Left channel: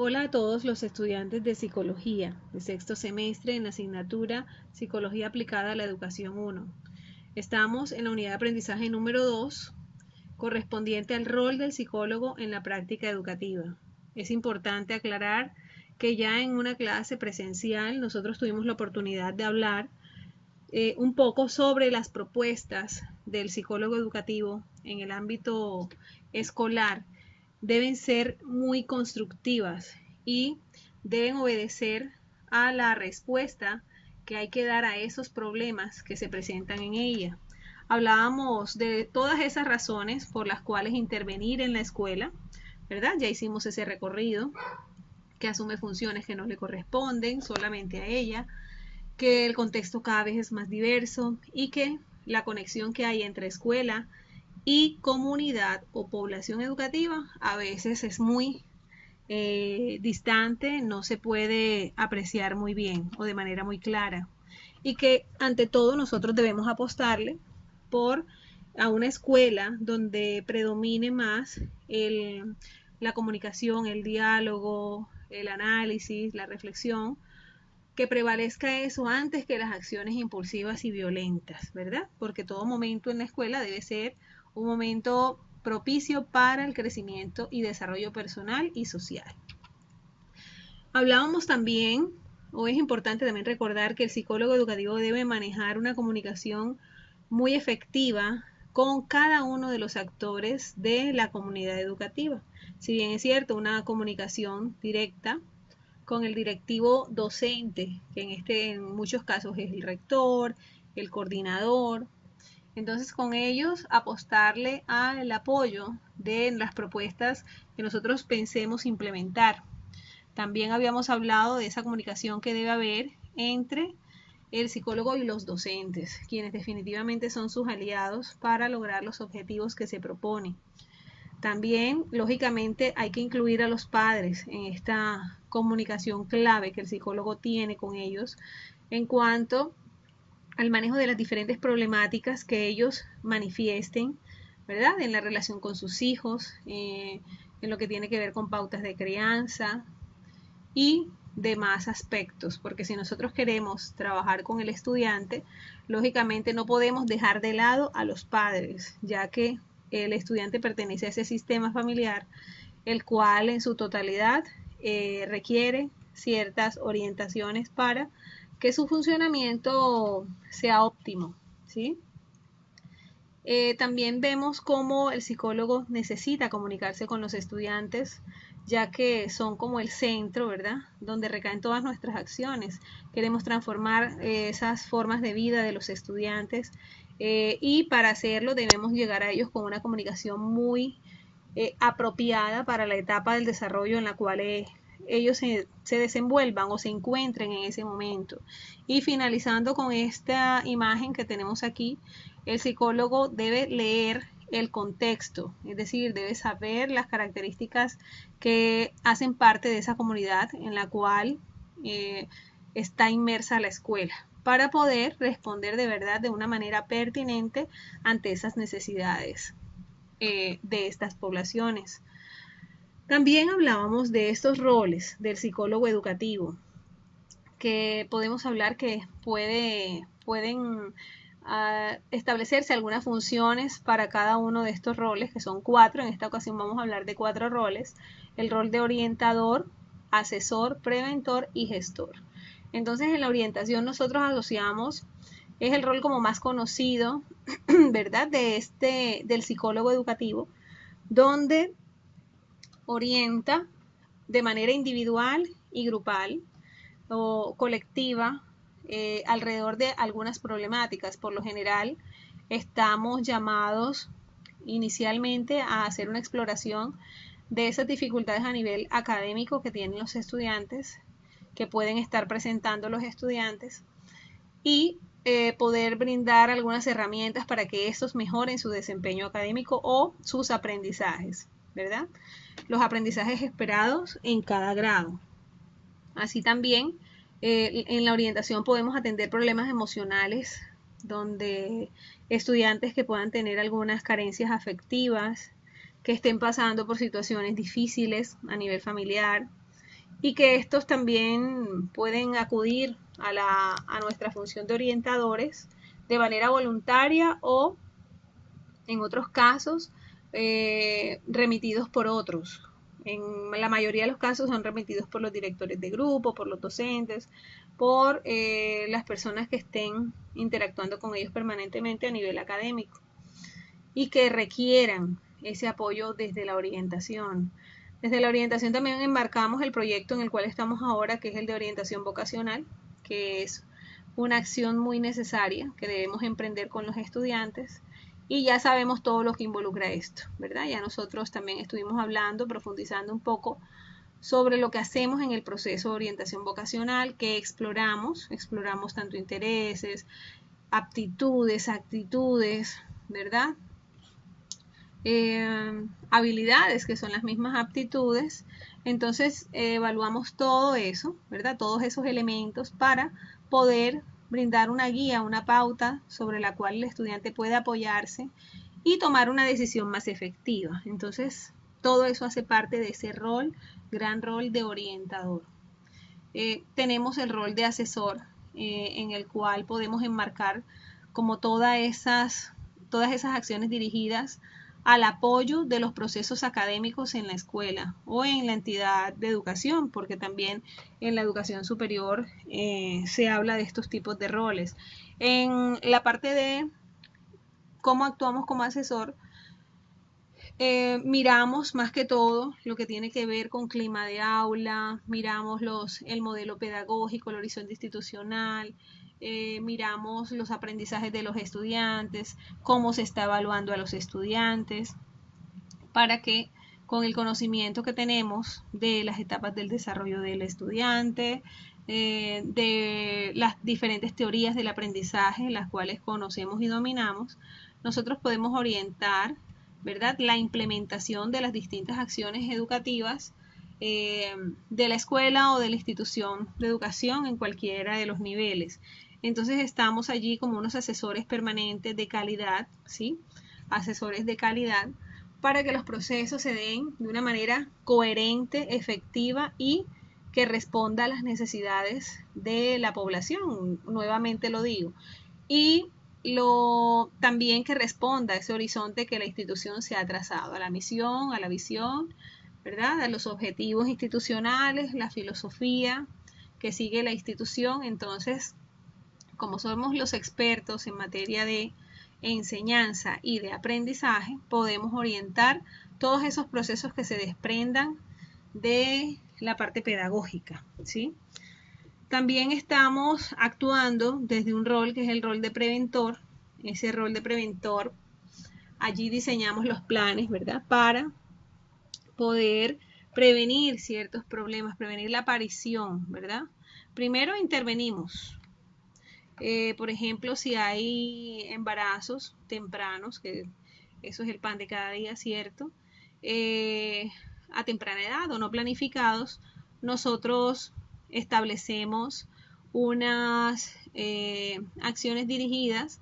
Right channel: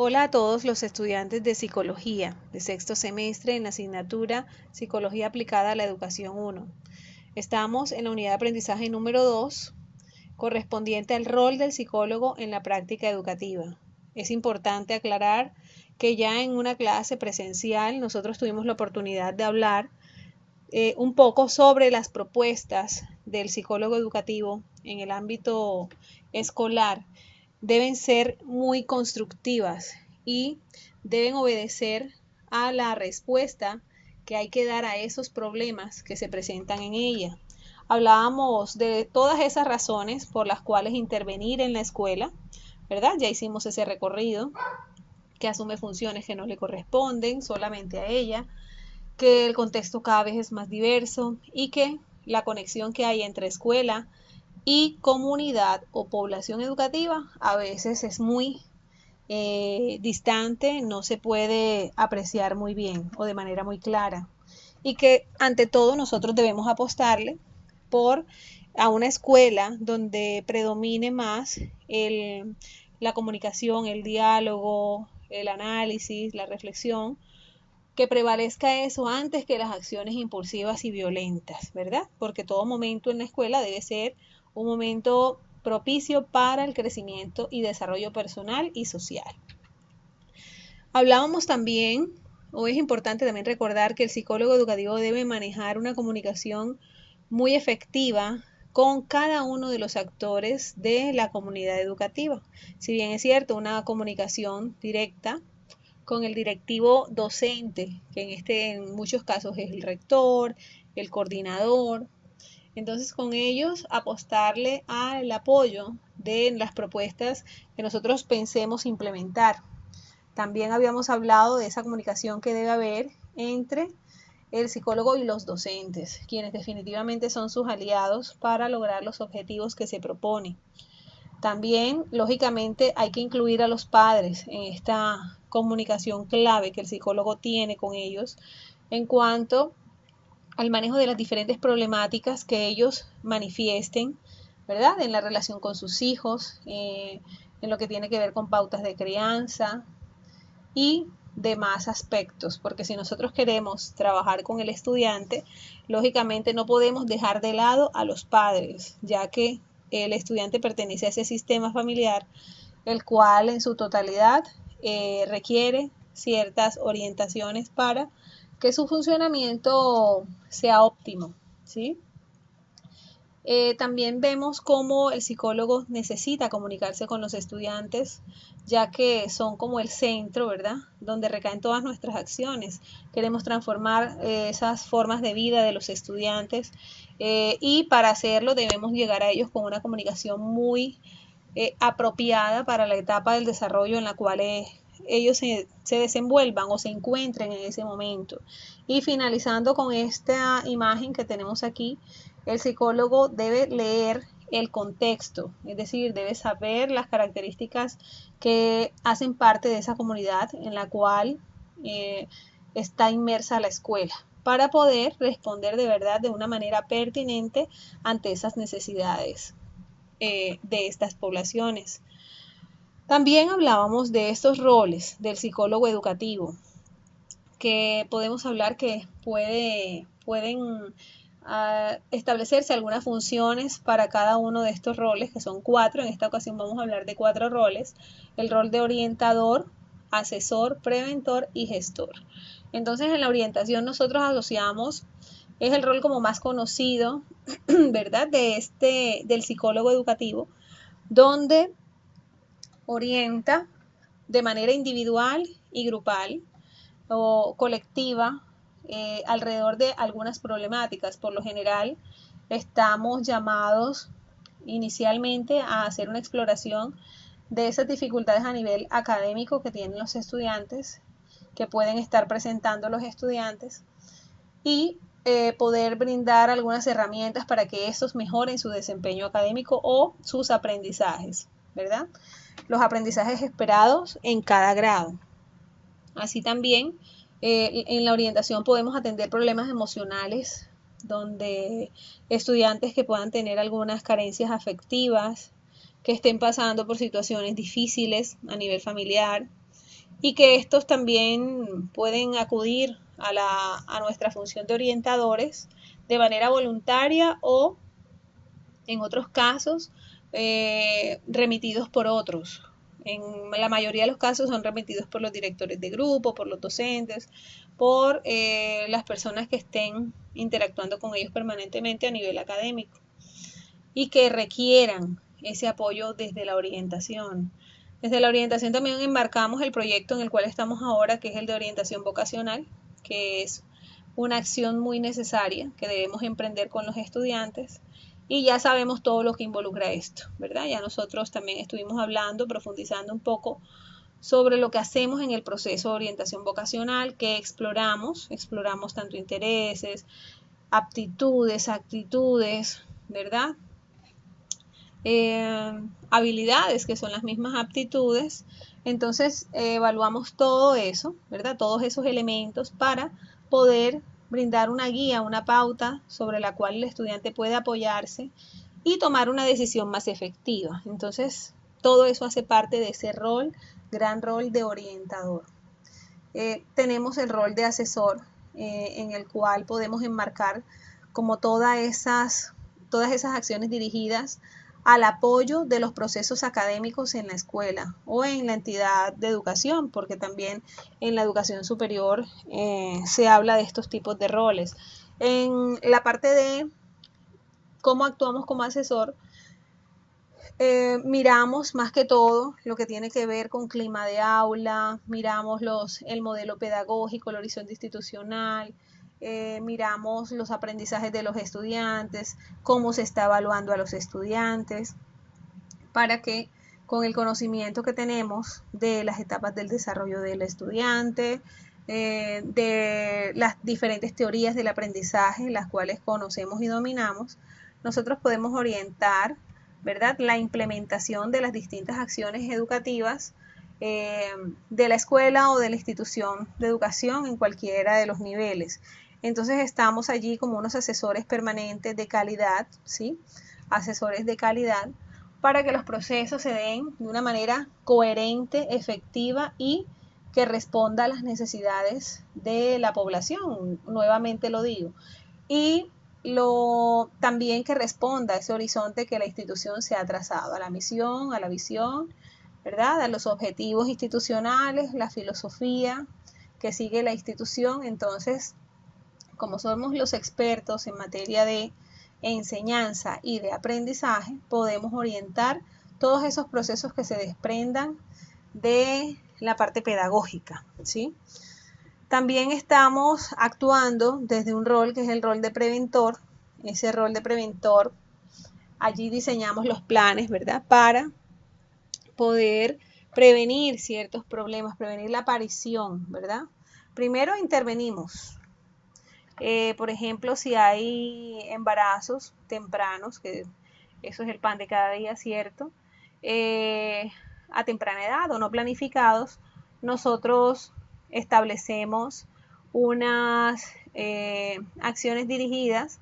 Hola a todos los estudiantes de Psicología de sexto semestre en la asignatura Psicología aplicada a la educación 1. Estamos en la unidad de aprendizaje número 2, correspondiente al rol del psicólogo en la práctica educativa. Es importante aclarar que ya en una clase presencial nosotros tuvimos la oportunidad de hablar un poco sobre las propuestas del psicólogo educativo en el ámbito escolar. Deben ser muy constructivas y deben obedecer a la respuesta que hay que dar a esos problemas que se presentan en ella. Hablábamos de todas esas razones por las cuales intervenir en la escuela, ¿verdad? Ya hicimos ese recorrido, que asume funciones que no le corresponden solamente a ella, que el contexto cada vez es más diverso y que la conexión que hay entre escuela y comunidad o población educativa a veces es muy distante, no se puede apreciar muy bien o de manera muy clara. Y que ante todo nosotros debemos apostarle por a una escuela donde predomine más la comunicación, el diálogo, el análisis, la reflexión, que prevalezca eso antes que las acciones impulsivas y violentas, ¿verdad? Porque todo momento en la escuela debe ser un momento propicio para el crecimiento y desarrollo personal y social. Hablábamos también, o es importante también recordar que el psicólogo educativo debe manejar una comunicación muy efectiva con cada uno de los actores de la comunidad educativa. Si bien es cierto, una comunicación directa con el directivo docente, que en muchos casos es el rector, el coordinador. Entonces con ellos apostarle al apoyo de las propuestas que nosotros pensemos implementar. También habíamos hablado de esa comunicación que debe haber entre el psicólogo y los docentes, quienes definitivamente son sus aliados para lograr los objetivos que se propone. También, lógicamente, hay que incluir a los padres en esta comunicación clave que el psicólogo tiene con ellos en cuanto al manejo de las diferentes problemáticas que ellos manifiesten, ¿verdad? En la relación con sus hijos, en lo que tiene que ver con pautas de crianza y demás aspectos, porque si nosotros queremos trabajar con el estudiante, lógicamente no podemos dejar de lado a los padres, ya que el estudiante pertenece a ese sistema familiar, el cual en su totalidad requiere ciertas orientaciones para que su funcionamiento sea óptimo, ¿sí? También vemos cómo el psicólogo necesita comunicarse con los estudiantes, ya que son como el centro, ¿verdad? Donde recaen todas nuestras acciones. Queremos transformar esas formas de vida de los estudiantes y para hacerlo debemos llegar a ellos con una comunicación muy apropiada para la etapa del desarrollo en la cual ellos se desenvuelvan o se encuentren en ese momento. Y finalizando con esta imagen que tenemos aquí, el psicólogo debe leer el contexto, es decir, debe saber las características que hacen parte de esa comunidad en la cual está inmersa la escuela, para poder responder de verdad de una manera pertinente ante esas necesidades de estas poblaciones. También hablábamos de estos roles del psicólogo educativo, que podemos hablar que pueden establecerse algunas funciones para cada uno de estos roles, que son 4. En esta ocasión vamos a hablar de 4 roles: el rol de orientador, asesor, preventor y gestor. Entonces, en la orientación nosotros asociamos, es el rol como más conocido, ¿verdad? Del psicólogo educativo, donde orienta de manera individual y grupal o colectiva alrededor de algunas problemáticas. Por lo general, estamos llamados inicialmente a hacer una exploración de esas dificultades a nivel académico que tienen los estudiantes, que pueden estar presentando los estudiantes, y poder brindar algunas herramientas para que estos mejoren su desempeño académico o sus aprendizajes, ¿verdad? Los aprendizajes esperados en cada grado. Así también, en la orientación podemos atender problemas emocionales, donde estudiantes que puedan tener algunas carencias afectivas, que estén pasando por situaciones difíciles a nivel familiar, y que estos también pueden acudir a nuestra función de orientadores de manera voluntaria o en otros casos remitidos por otros. En la mayoría de los casos son remitidos por los directores de grupo, por los docentes, por las personas que estén interactuando con ellos permanentemente a nivel académico y que requieran ese apoyo desde la orientación. Desde la orientación también embarcamos el proyecto en el cual estamos ahora, que es el de orientación vocacional, que es una acción muy necesaria que debemos emprender con los estudiantes y ya sabemos todo lo que involucra esto, ¿verdad? Ya nosotros también estuvimos hablando, profundizando un poco sobre lo que hacemos en el proceso de orientación vocacional, que exploramos tanto intereses, aptitudes, actitudes, ¿verdad? Habilidades que son las mismas aptitudes. Entonces evaluamos todo eso, ¿verdad? Todos esos elementos para poder brindar una guía, una pauta sobre la cual el estudiante puede apoyarse y tomar una decisión más efectiva. Entonces, todo eso hace parte de ese rol, gran rol de orientador. Tenemos el rol de asesor, en el cual podemos enmarcar como todas esas acciones dirigidas al apoyo de los procesos académicos en la escuela o en la entidad de educación, porque también en la educación superior se habla de estos tipos de roles. En la parte de cómo actuamos como asesor, miramos más que todo lo que tiene que ver con clima de aula, miramos el modelo pedagógico, el horizonte institucional, miramos los aprendizajes de los estudiantes, cómo se está evaluando a los estudiantes, para que con el conocimiento que tenemos de las etapas del desarrollo del estudiante, de las diferentes teorías del aprendizaje, las cuales conocemos y dominamos, nosotros podemos orientar, ¿verdad?, la implementación de las distintas acciones educativas de la escuela o de la institución de educación en cualquiera de los niveles. Entonces estamos allí como unos asesores permanentes de calidad, ¿sí? Asesores de calidad para que los procesos se den de una manera coherente, efectiva y que responda a las necesidades de la población, nuevamente lo digo. Y también que responda a ese horizonte que la institución se ha trazado, a la misión, a la visión, ¿verdad? A los objetivos institucionales, la filosofía que sigue la institución. Entonces, como somos los expertos en materia de enseñanza y de aprendizaje, podemos orientar todos esos procesos que se desprendan de la parte pedagógica, ¿sí? También estamos actuando desde un rol que es el rol de preventor. Ese rol de preventor, allí diseñamos los planes, ¿verdad?, para poder prevenir ciertos problemas, prevenir la aparición, ¿verdad? Primero intervenimos. Por ejemplo, si hay embarazos tempranos, que eso es el pan de cada día, ¿cierto? A temprana edad o no planificados, nosotros establecemos unas acciones dirigidas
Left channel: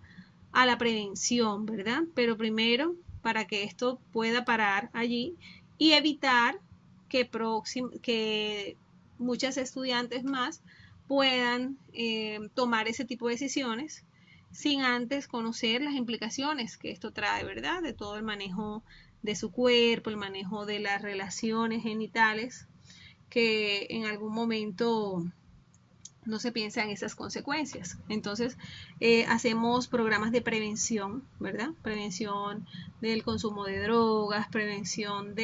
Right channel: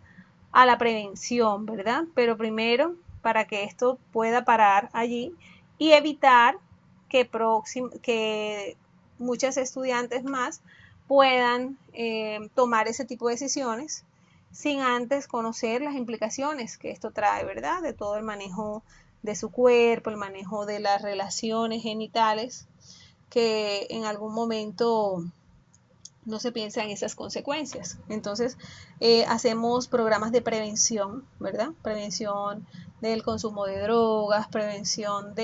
a la prevención, ¿verdad? Pero primero, para que esto pueda parar allí y evitar que muchas estudiantes más puedan tomar ese tipo de decisiones sin antes conocer las implicaciones que esto trae, ¿verdad? De todo el manejo de su cuerpo, el manejo de las relaciones genitales, que en algún momento no se piensa en esas consecuencias. Entonces, hacemos programas de prevención, ¿verdad? Prevención del consumo de drogas, prevención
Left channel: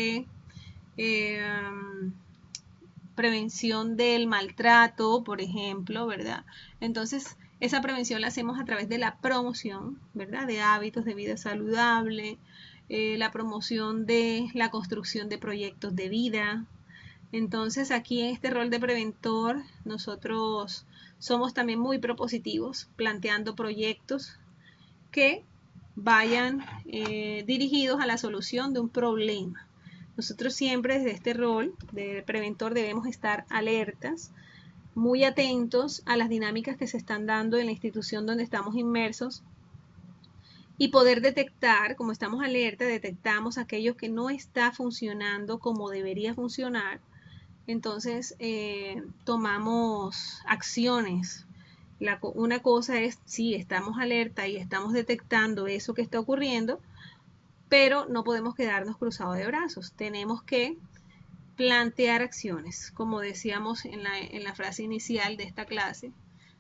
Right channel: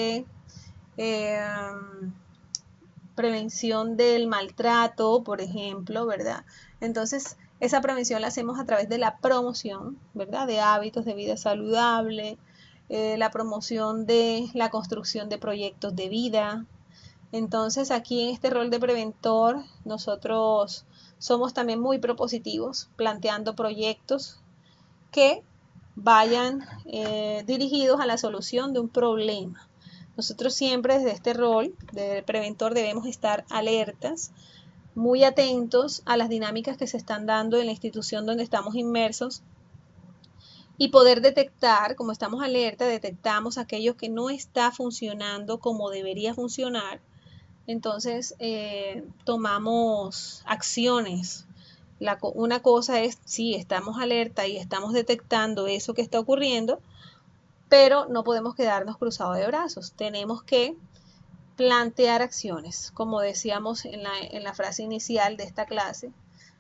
del maltrato, por ejemplo, ¿verdad? Entonces, esa prevención la hacemos a través de la promoción, ¿verdad?, de hábitos de vida saludable, la promoción de la construcción de proyectos de vida. Entonces, aquí en este rol de preventor, nosotros somos también muy propositivos, planteando proyectos que vayan dirigidos a la solución de un problema. Nosotros siempre desde este rol de preventor debemos estar alertas, muy atentos a las dinámicas que se están dando en la institución donde estamos inmersos y poder detectar, como estamos alerta, detectamos aquello que no está funcionando como debería funcionar, entonces tomamos acciones. Una cosa es, sí, estamos alerta y estamos detectando eso que está ocurriendo, pero no podemos quedarnos cruzados de brazos. Tenemos que plantear acciones, como decíamos en la frase inicial de esta clase,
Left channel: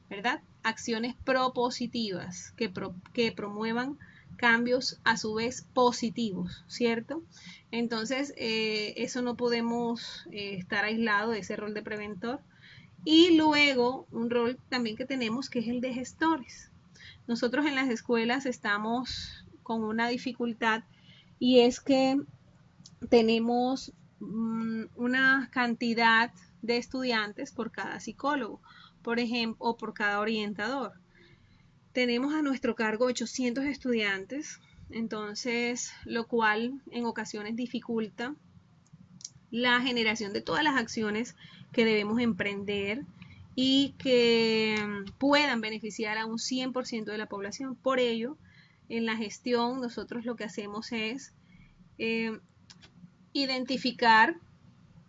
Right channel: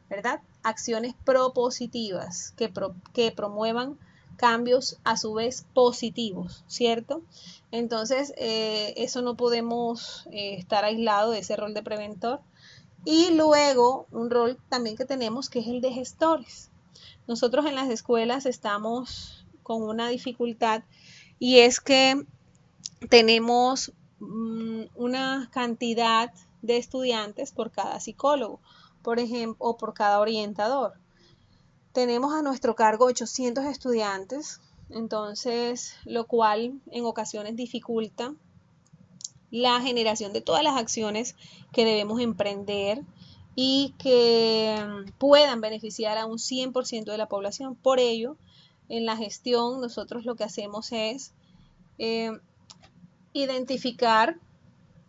¿verdad? Acciones propositivas que promuevan cambios a su vez positivos, ¿cierto? Entonces, eso no podemos estar aislado de ese rol de preventor. Y luego, un rol también que tenemos que es el de gestores. Nosotros en las escuelas estamos con una dificultad y es que tenemos una cantidad de estudiantes por cada psicólogo, por ejemplo, o por cada orientador. Tenemos a nuestro cargo 800 estudiantes, entonces, lo cual en ocasiones dificulta la generación de todas las acciones que debemos emprender y que puedan beneficiar a un 100% de la población. Por ello, en la gestión nosotros lo que hacemos es identificar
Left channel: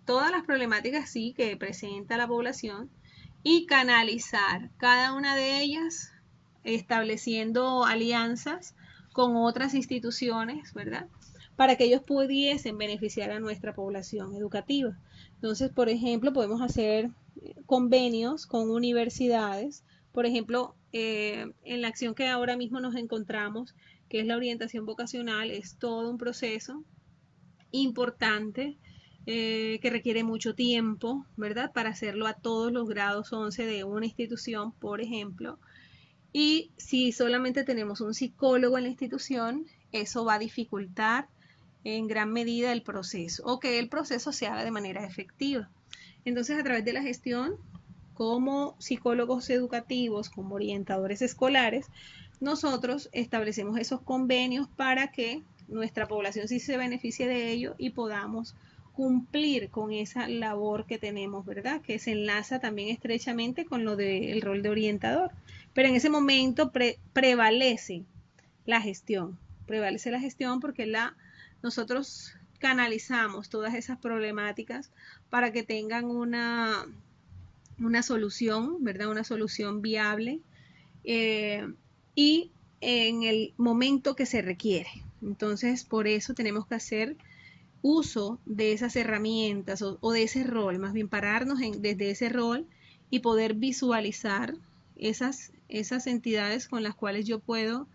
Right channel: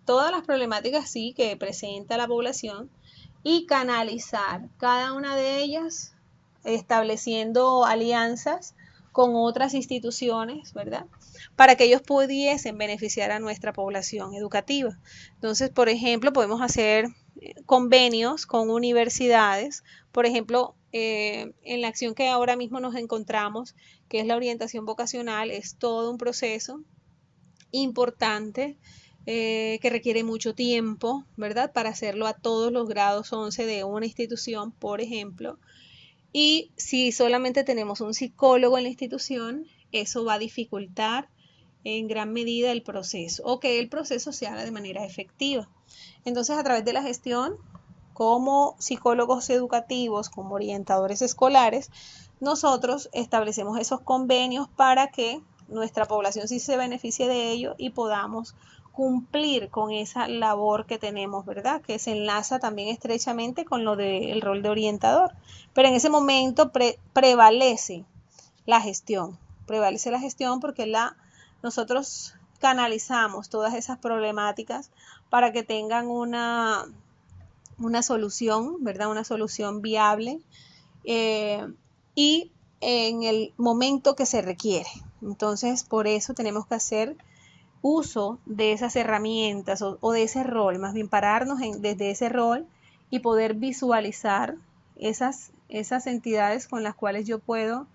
todas las problemáticas sí que presenta la población y canalizar cada una de ellas estableciendo alianzas con otras instituciones, ¿verdad? Para que ellos pudiesen beneficiar a nuestra población educativa. Entonces, por ejemplo, podemos hacer convenios con universidades, por ejemplo, en la acción que ahora mismo nos encontramos, que es la orientación vocacional, es todo un proceso importante que requiere mucho tiempo, ¿verdad? Para hacerlo a todos los grados 11 de una institución, por ejemplo. Y si solamente tenemos un psicólogo en la institución, eso va a dificultar en gran medida el proceso o que el proceso se haga de manera efectiva. Entonces, a través de la gestión, como psicólogos educativos, como orientadores escolares, nosotros establecemos esos convenios para que nuestra población sí se beneficie de ello y podamos cumplir con esa labor que tenemos, ¿verdad? Que se enlaza también estrechamente con lo del rol de orientador. Pero en ese momento prevalece la gestión porque nosotros canalizamos todas esas problemáticas para que tengan una solución, ¿verdad? Una solución viable y en el momento que se requiere. Entonces, por eso tenemos que hacer uso de esas herramientas o de ese rol, más bien pararnos desde ese rol y poder visualizar esas entidades con las cuales yo puedo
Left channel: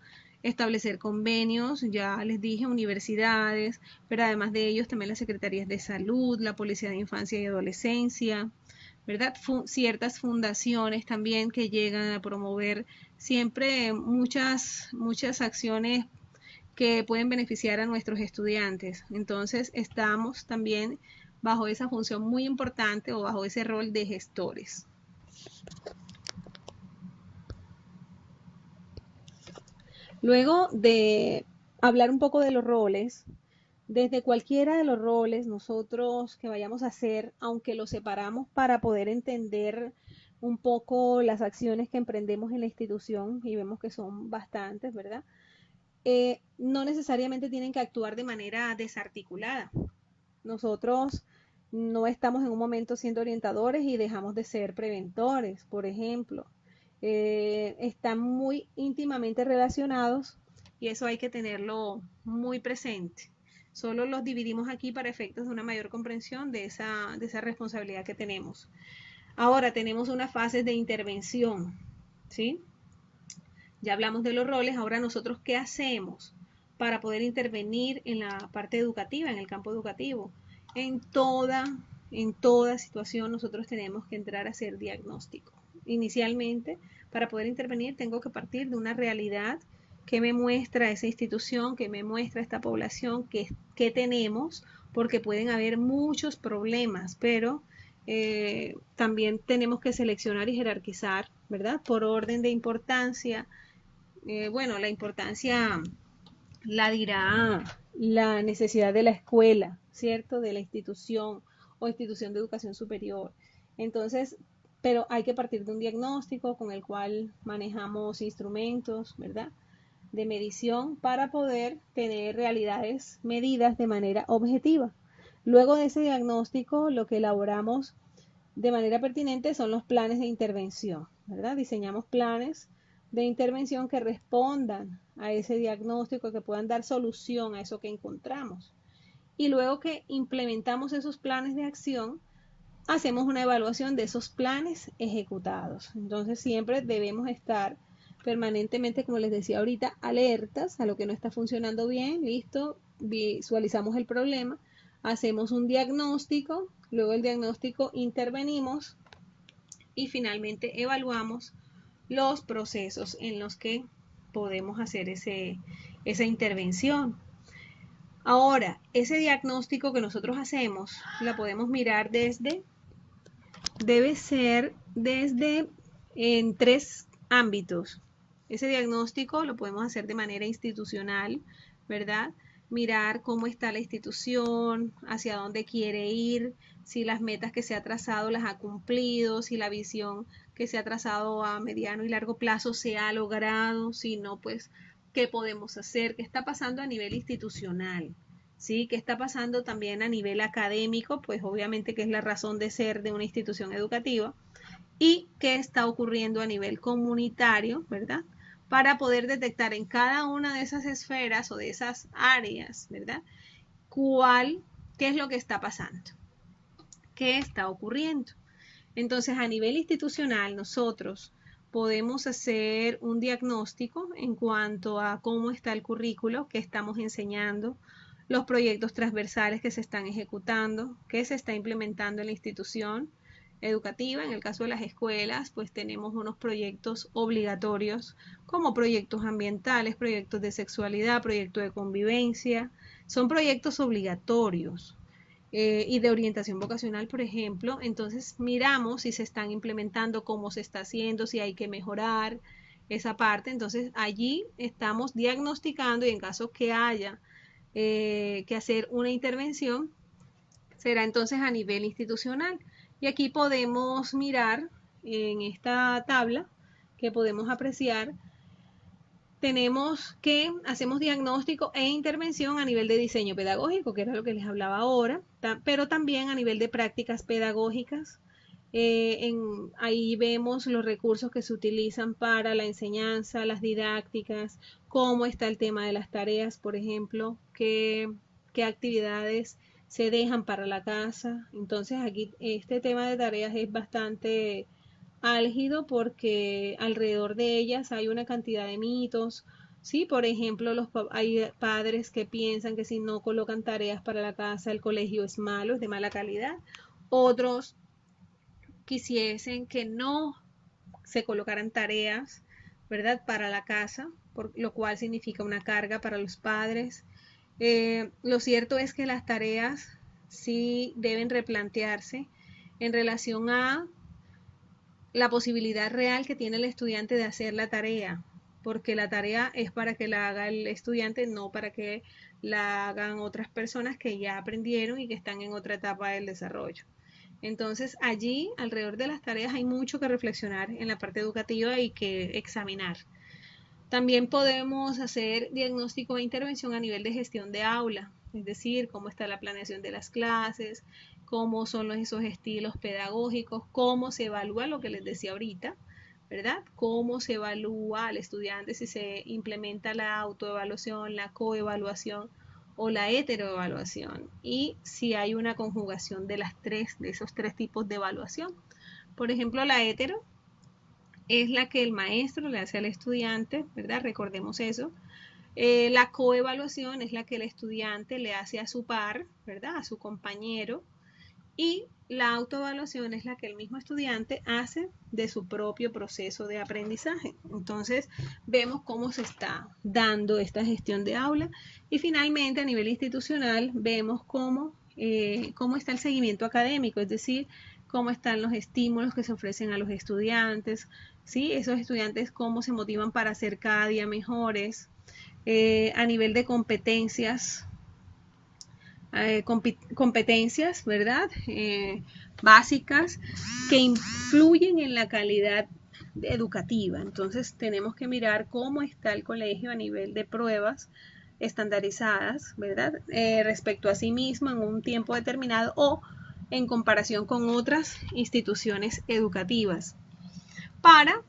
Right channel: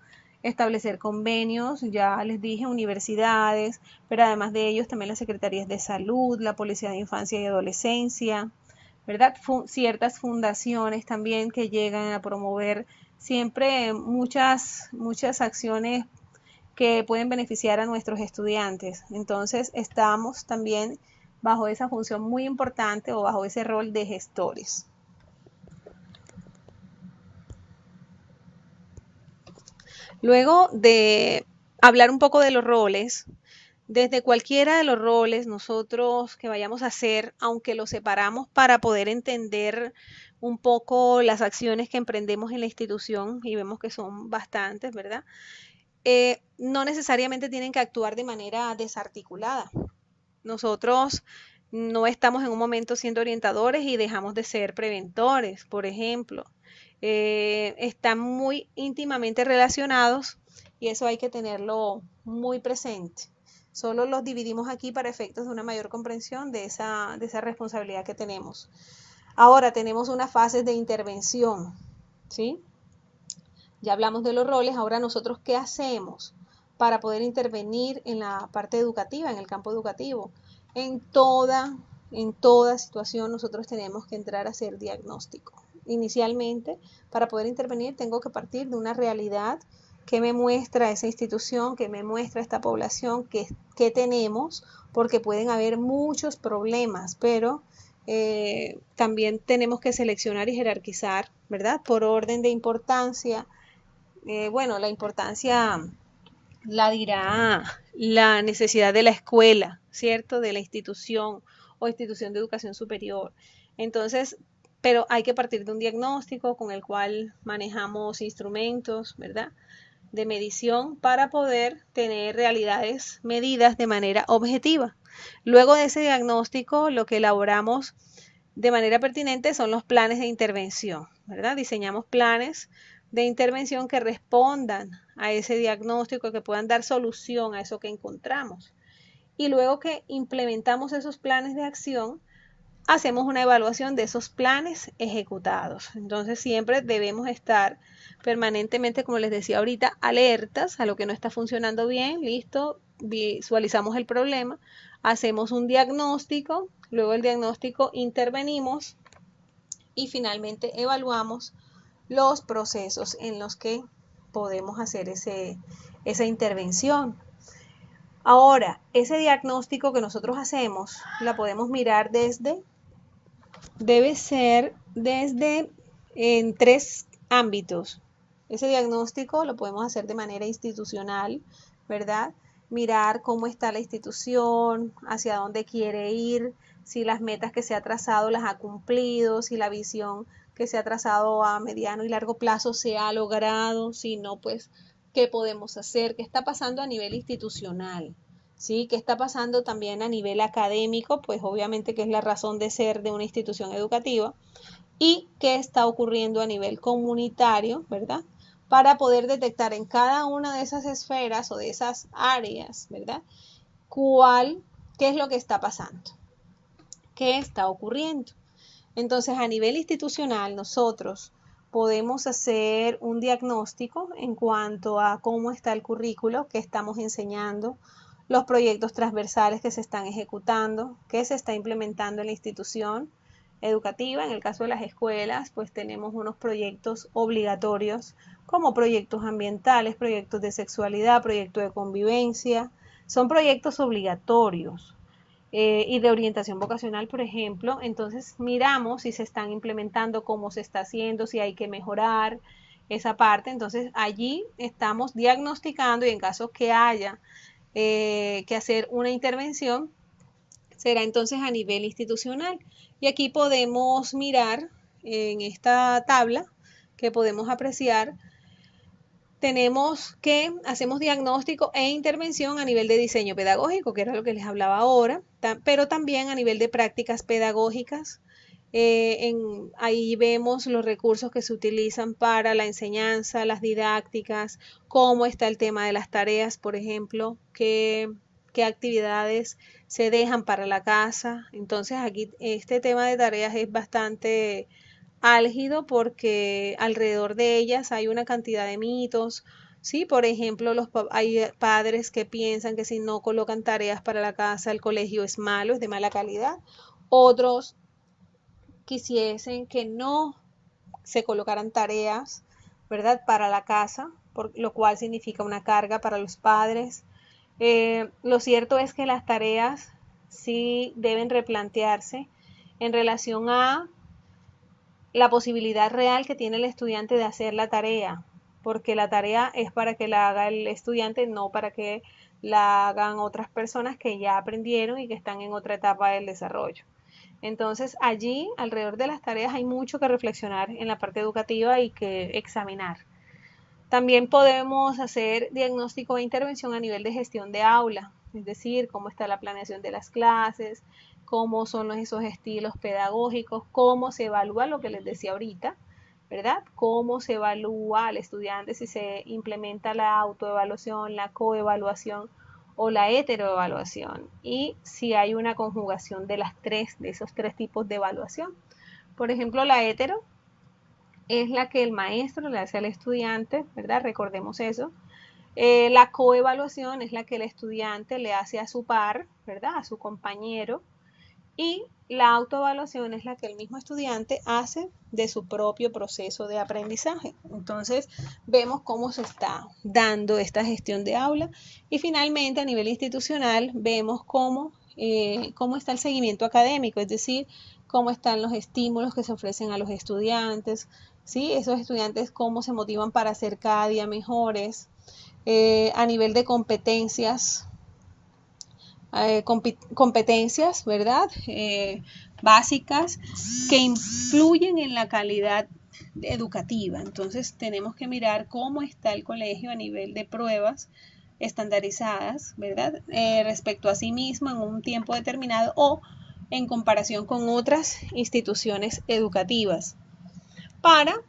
establecer convenios, ya les dije, universidades, pero además de ellos también las secretarías de salud, la Policía de Infancia y Adolescencia, ¿verdad? Ciertas fundaciones también que llegan a promover siempre muchas acciones que pueden beneficiar a nuestros estudiantes. Entonces, estamos también bajo esa función muy importante o bajo ese rol de gestores. Luego de hablar un poco de los roles, desde cualquiera de los roles nosotros que vayamos a hacer, aunque los separamos para poder entender un poco las acciones que emprendemos en la institución y vemos que son bastantes, ¿verdad? No necesariamente tienen que actuar de manera desarticulada. Nosotros no estamos en un momento siendo orientadores y dejamos de ser preventores, por ejemplo. Están muy íntimamente relacionados y eso hay que tenerlo muy presente. Solo los dividimos aquí para efectos de una mayor comprensión de esa responsabilidad que tenemos. Ahora tenemos unas fases de intervención, ¿sí? Ya hablamos de los roles, ahora nosotros qué hacemos para poder intervenir en la parte educativa, en el campo educativo. En toda situación nosotros tenemos que entrar a hacer diagnóstico. Inicialmente, para poder intervenir, tengo que partir de una realidad que me muestra esa institución, que me muestra esta población, que tenemos, porque pueden haber muchos problemas, pero también tenemos que seleccionar y jerarquizar, ¿verdad? Por orden de importancia. Bueno, la importancia la dirá la necesidad de la escuela, ¿cierto? De la institución o institución de educación superior. Entonces, pero hay que partir de un diagnóstico con el cual manejamos instrumentos, ¿verdad? De medición para poder tener realidades medidas de manera objetiva. Luego de ese diagnóstico, lo que elaboramos de manera pertinente son los planes de intervención, ¿verdad? Diseñamos planes de intervención que respondan a ese diagnóstico, que puedan dar solución a eso que encontramos. Y luego que implementamos esos planes de acción, hacemos una evaluación de esos planes ejecutados. Entonces siempre debemos estar permanentemente, como les decía ahorita, alertas a lo que no está funcionando bien. Listo, visualizamos el problema, hacemos un diagnóstico, luego el diagnóstico intervenimos y finalmente evaluamos los procesos en los que podemos hacer esa intervención. Ahora, ese diagnóstico que nosotros hacemos, la podemos mirar debe ser desde en 3 ámbitos. Ese diagnóstico lo podemos hacer de manera institucional, ¿verdad? Mirar cómo está la institución, hacia dónde quiere ir, si las metas que se ha trazado las ha cumplido, si la visión que se ha trazado a mediano y largo plazo se ha logrado, si no, pues, ¿qué podemos hacer? ¿Qué está pasando a nivel institucional? ¿Sí? ¿Qué está pasando también a nivel académico? Pues obviamente que es la razón de ser de una institución educativa. ¿Y qué está ocurriendo a nivel comunitario, verdad? Para poder detectar en cada una de esas esferas o de esas áreas, ¿verdad? ¿Qué es lo que está pasando? ¿Qué está ocurriendo? Entonces, a nivel institucional, nosotros podemos hacer un diagnóstico en cuanto a cómo está el currículo que estamos enseñando, los proyectos transversales que se están ejecutando, que se está implementando en la institución educativa. En el caso de las escuelas, pues tenemos unos proyectos obligatorios como proyectos ambientales, proyectos de sexualidad, proyectos de convivencia. Son proyectos obligatorios. Y de orientación vocacional, por ejemplo. Entonces miramos si se están implementando, cómo se está haciendo, si hay que mejorar esa parte. Entonces allí estamos diagnosticando y en caso que haya que hacer una intervención, será entonces a nivel institucional. Y aquí podemos mirar en esta tabla que podemos apreciar. Tenemos que hacemos diagnóstico e intervención a nivel de diseño pedagógico, que era lo que les hablaba ahora, pero también a nivel de prácticas pedagógicas. Ahí vemos los recursos que se utilizan para la enseñanza, las didácticas, cómo está el tema de las tareas, por ejemplo, qué actividades se dejan para la casa. Entonces aquí este tema de tareas es bastante álgido porque alrededor de ellas hay una cantidad de mitos. Sí, por ejemplo, hay padres que piensan que si no colocan tareas para la casa, el colegio es malo, es de mala calidad. Otros quisiesen que no se colocaran tareas, ¿verdad?, para la casa, lo cual significa una carga para los padres. Lo cierto es que las tareas sí deben replantearse en relación a la posibilidad real que tiene el estudiante de hacer la tarea, porque la tarea es para que la haga el estudiante, no para que la hagan otras personas que ya aprendieron y que están en otra etapa del desarrollo. Entonces allí, alrededor de las tareas, hay mucho que reflexionar en la parte educativa y que examinar. También podemos hacer diagnóstico e intervención a nivel de gestión de aula, es decir, cómo está la planeación de las clases, cómo son esos estilos pedagógicos, cómo se evalúa lo que les decía ahorita, ¿verdad? Cómo se evalúa al estudiante, si se implementa la autoevaluación, la coevaluación o la heteroevaluación, y si hay una conjugación de esos tres tipos de evaluación. Por ejemplo, la hetero es la que el maestro le hace al estudiante, ¿verdad? Recordemos eso. La coevaluación es la que el estudiante le hace a su par, ¿verdad? A su compañero. Y la autoevaluación es la que el mismo estudiante hace de su propio proceso de aprendizaje. Entonces, vemos cómo se está dando esta gestión de aula. Y finalmente, a nivel institucional, vemos cómo está el seguimiento académico, es decir, cómo están los estímulos que se ofrecen a los estudiantes, ¿sí? Esos estudiantes cómo se motivan para ser cada día mejores, a nivel de competencias, ¿verdad? Básicas que influyen en la calidad educativa. Entonces tenemos que mirar cómo está el colegio a nivel de pruebas estandarizadas, ¿verdad? Respecto a sí mismo en un tiempo determinado o en comparación con otras instituciones educativas, para,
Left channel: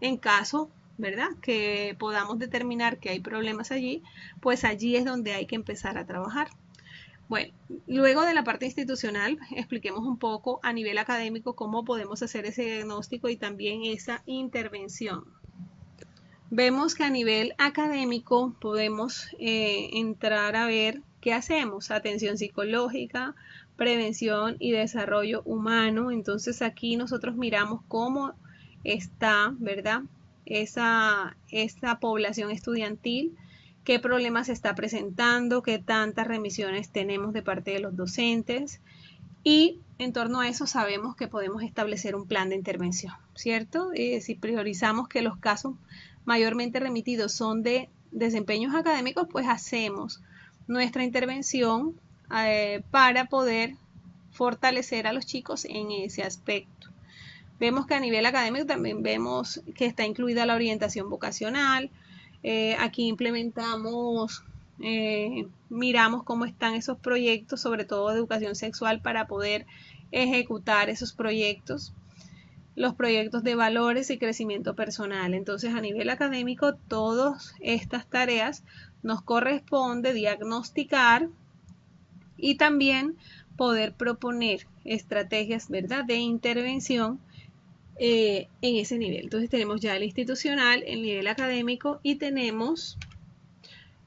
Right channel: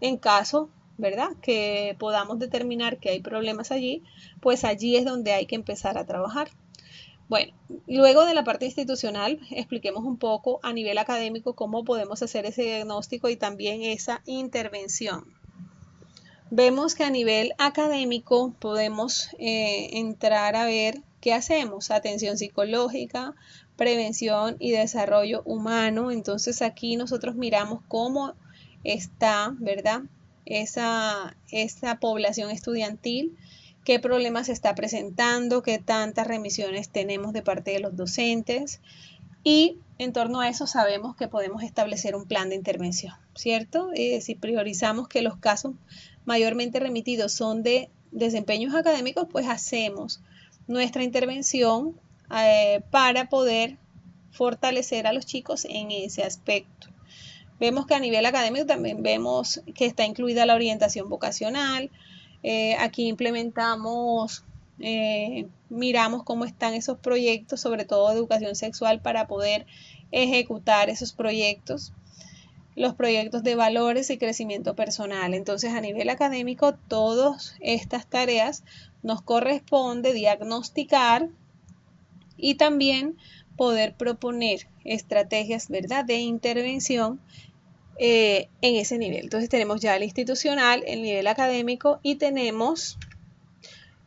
en caso, ¿verdad?, que podamos determinar que hay problemas allí, pues allí es donde hay que empezar a trabajar. Bueno, luego de la parte institucional, expliquemos un poco a nivel académico cómo podemos hacer ese diagnóstico y también esa intervención. Vemos que a nivel académico podemos entrar a ver qué hacemos: atención psicológica, prevención y desarrollo humano. Entonces aquí nosotros miramos cómo está, ¿verdad?, esa población estudiantil, qué problemas se está presentando, qué tantas remisiones tenemos de parte de los docentes, y en torno a eso sabemos que podemos establecer un plan de intervención, ¿cierto? Si priorizamos que los casos mayormente remitidos son de desempeños académicos, pues hacemos nuestra intervención para poder fortalecer a los chicos en ese aspecto. Vemos que a nivel académico también vemos que está incluida la orientación vocacional. Aquí implementamos, miramos cómo están esos proyectos, sobre todo de educación sexual, para poder ejecutar esos proyectos. Los proyectos de valores y crecimiento personal. Entonces, a nivel académico, todas estas tareas nos corresponde diagnosticar y también poder proponer estrategias, ¿verdad?, de intervención en ese nivel. Entonces tenemos ya el institucional, el nivel académico y tenemos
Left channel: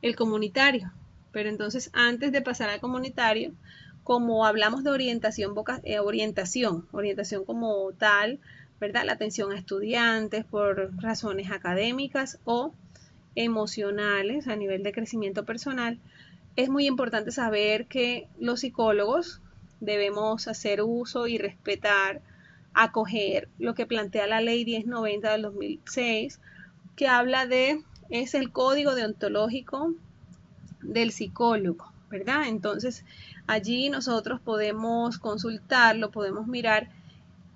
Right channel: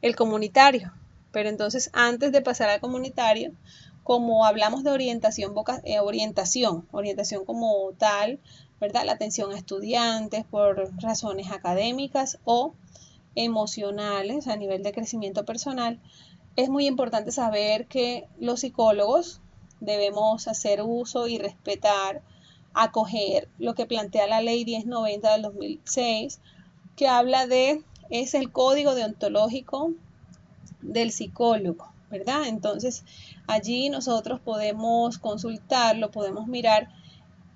el comunitario. Pero entonces, antes de pasar al comunitario, como hablamos de orientación como tal, ¿verdad?, la atención a estudiantes por razones académicas o emocionales a nivel de crecimiento personal, es muy importante saber que los psicólogos debemos hacer uso y respetar, acoger lo que plantea la ley 1090 del 2006, que habla es el código deontológico del psicólogo, ¿verdad? Entonces, allí nosotros podemos consultarlo, podemos mirar,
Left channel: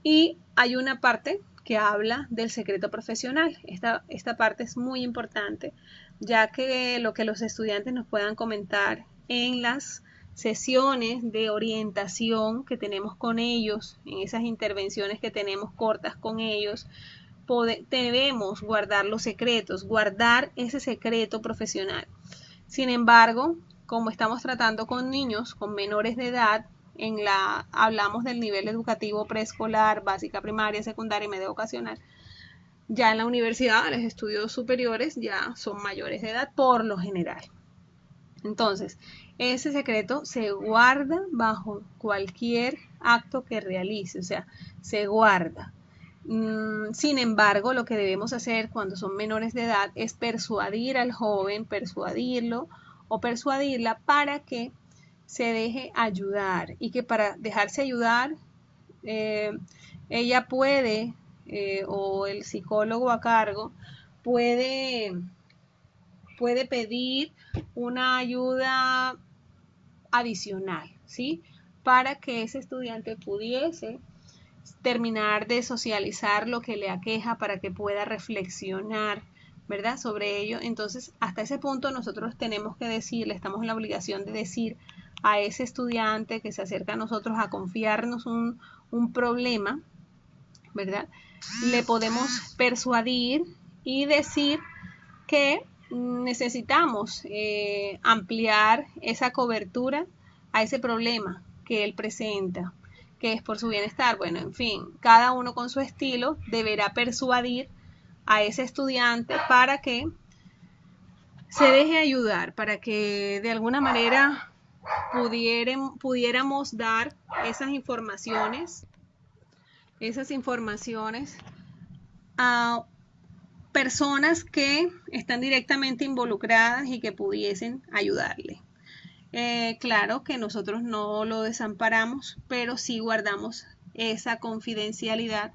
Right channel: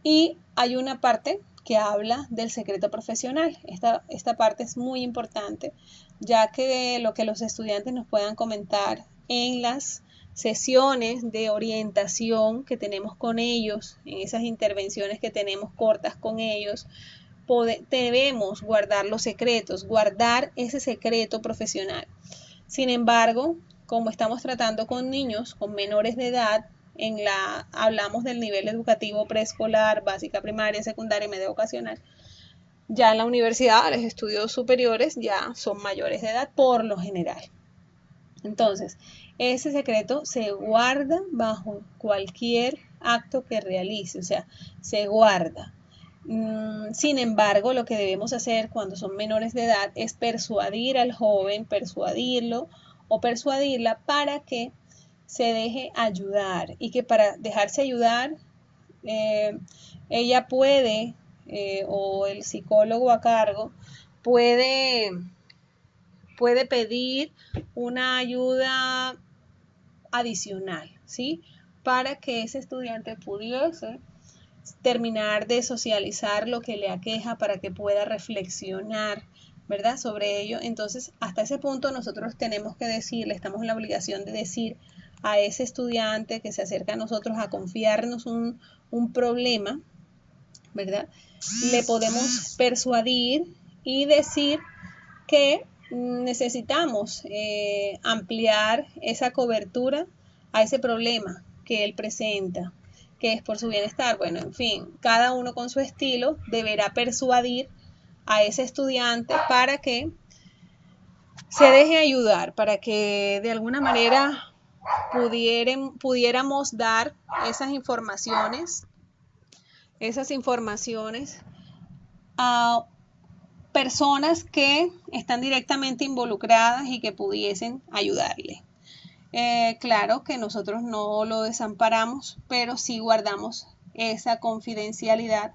y hay una parte que habla del secreto profesional. Esta parte es muy importante, ya que lo que los estudiantes nos puedan comentar en las sesiones de orientación que tenemos con ellos, en esas intervenciones que tenemos cortas con ellos, debemos guardar los secretos, guardar ese secreto profesional. Sin embargo, como estamos tratando con niños, con menores de edad, hablamos del nivel educativo preescolar, básica, primaria, secundaria y media vocacional. Ya en la universidad, los estudios superiores ya son mayores de edad por lo general. Entonces, ese secreto se guarda bajo cualquier acto que realice, o sea, se guarda. Sin embargo, lo que debemos hacer cuando son menores de edad es persuadir al joven, persuadirlo o persuadirla para que se deje ayudar, y que para dejarse ayudar ella puede, o el psicólogo a cargo puede pedir una ayuda adicional, ¿sí?, para que ese estudiante pudiese terminar de socializar lo que le aqueja, para que pueda reflexionar, ¿verdad?, sobre ello. Entonces, hasta ese punto nosotros tenemos que decirle, estamos en la obligación de decir a ese estudiante que se acerca a nosotros a confiarnos un problema, ¿verdad?, le podemos persuadir y decir que necesitamos ampliar esa cobertura a ese problema que él presenta, que es por su bienestar. Bueno, en fin, cada uno con su estilo deberá persuadir a ese estudiante para que se deje ayudar, para que de alguna manera pudiéramos dar esas informaciones a personas que están directamente involucradas y que pudiesen ayudarle. Claro que nosotros no lo desamparamos, pero sí guardamos esa confidencialidad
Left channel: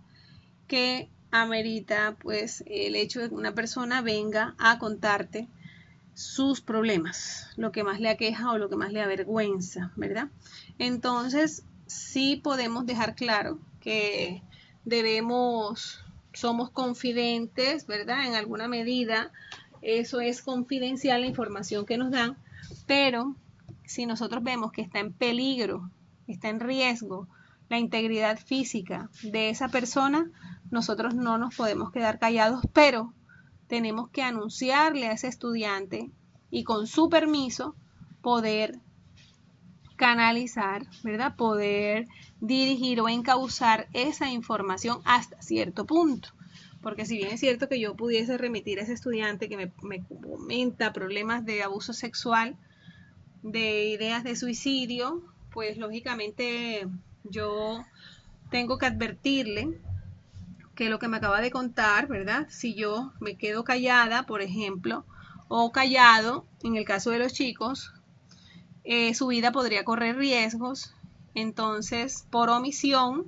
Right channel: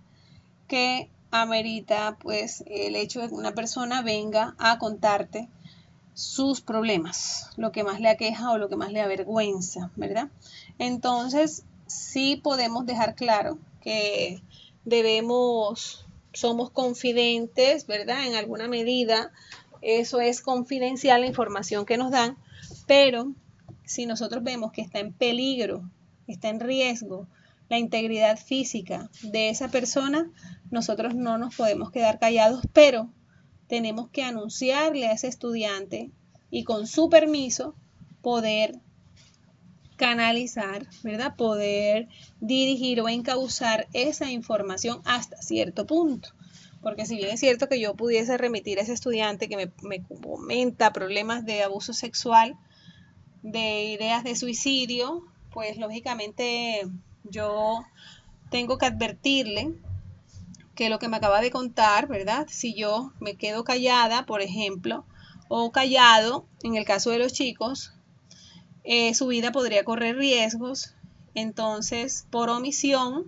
que amerita, pues, el hecho de que una persona venga a contarte sus problemas, lo que más le aqueja o lo que más le avergüenza, ¿verdad? Entonces, sí podemos dejar claro que somos confidentes, ¿verdad?, en alguna medida eso es confidencial, la información que nos dan, pero si nosotros vemos que está en peligro, está en riesgo la integridad física de esa persona, nosotros no nos podemos quedar callados, pero tenemos que anunciarle a ese estudiante y con su permiso poder canalizar, ¿verdad? Poder dirigir o encauzar esa información hasta cierto punto. Porque si bien es cierto que yo pudiese remitir a ese estudiante que me comenta problemas de abuso sexual, de ideas de suicidio, pues lógicamente yo tengo que advertirle que lo que me acaba de contar, ¿verdad? Si yo me quedo callada, por ejemplo, o callado, en el caso de los chicos, su vida podría correr riesgos. Entonces, por omisión,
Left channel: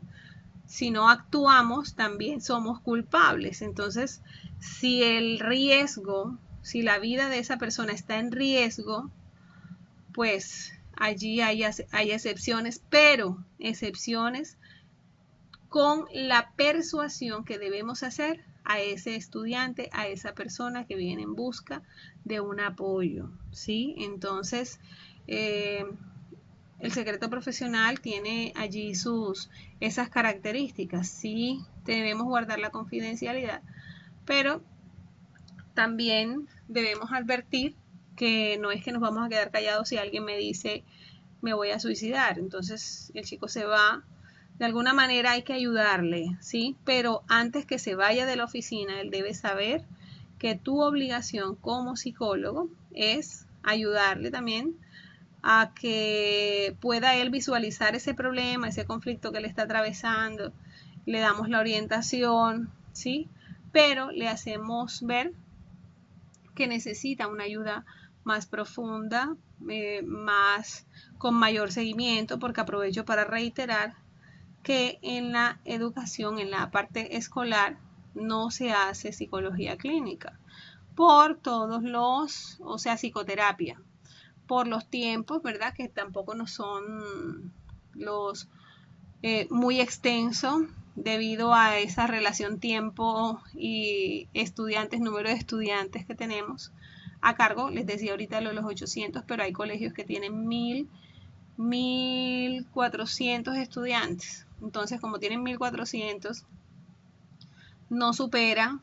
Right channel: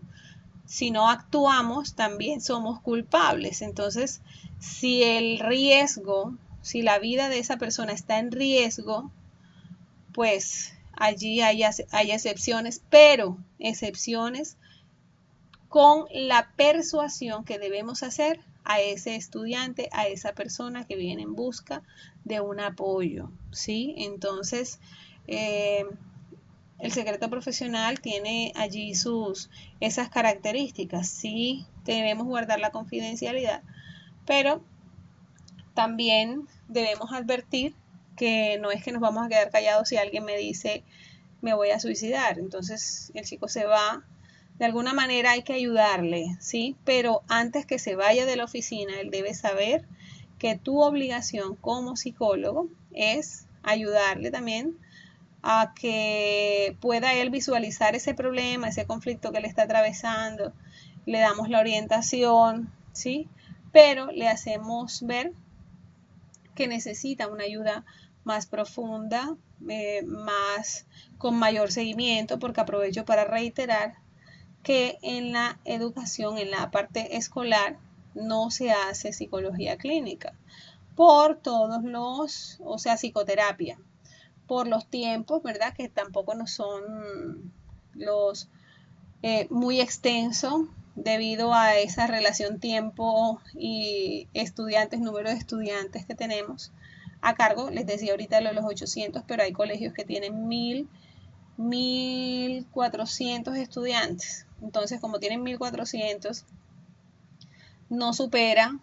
si no actuamos, también somos culpables. Entonces, si el riesgo, si la vida de esa persona está en riesgo, pues allí hay excepciones, pero excepciones con la persuasión que debemos hacer a ese estudiante, a esa persona que viene en busca de un apoyo, ¿sí? Entonces, el secreto profesional tiene allí esas características. Sí, debemos guardar la confidencialidad, pero también debemos advertir que no es que nos vamos a quedar callados si alguien me dice me voy a suicidar. Entonces el chico se va. De alguna manera hay que ayudarle, ¿sí? Pero antes que se vaya de la oficina, él debe saber que tu obligación como psicólogo es ayudarle también a que pueda él visualizar ese problema, ese conflicto que le está atravesando. Le damos la orientación, ¿sí? Pero le hacemos ver que necesita una ayuda más profunda, con mayor seguimiento, porque aprovecho para reiterar que en la educación, en la parte escolar, no se hace psicología clínica por todos o sea, psicoterapia, por los tiempos, ¿verdad? Que tampoco no son los muy extensos debido a esa relación tiempo y estudiantes, número de estudiantes que tenemos a cargo. Les decía ahorita lo de los 800, pero hay colegios que tienen 1400 estudiantes. Entonces, como tienen 1400, no supera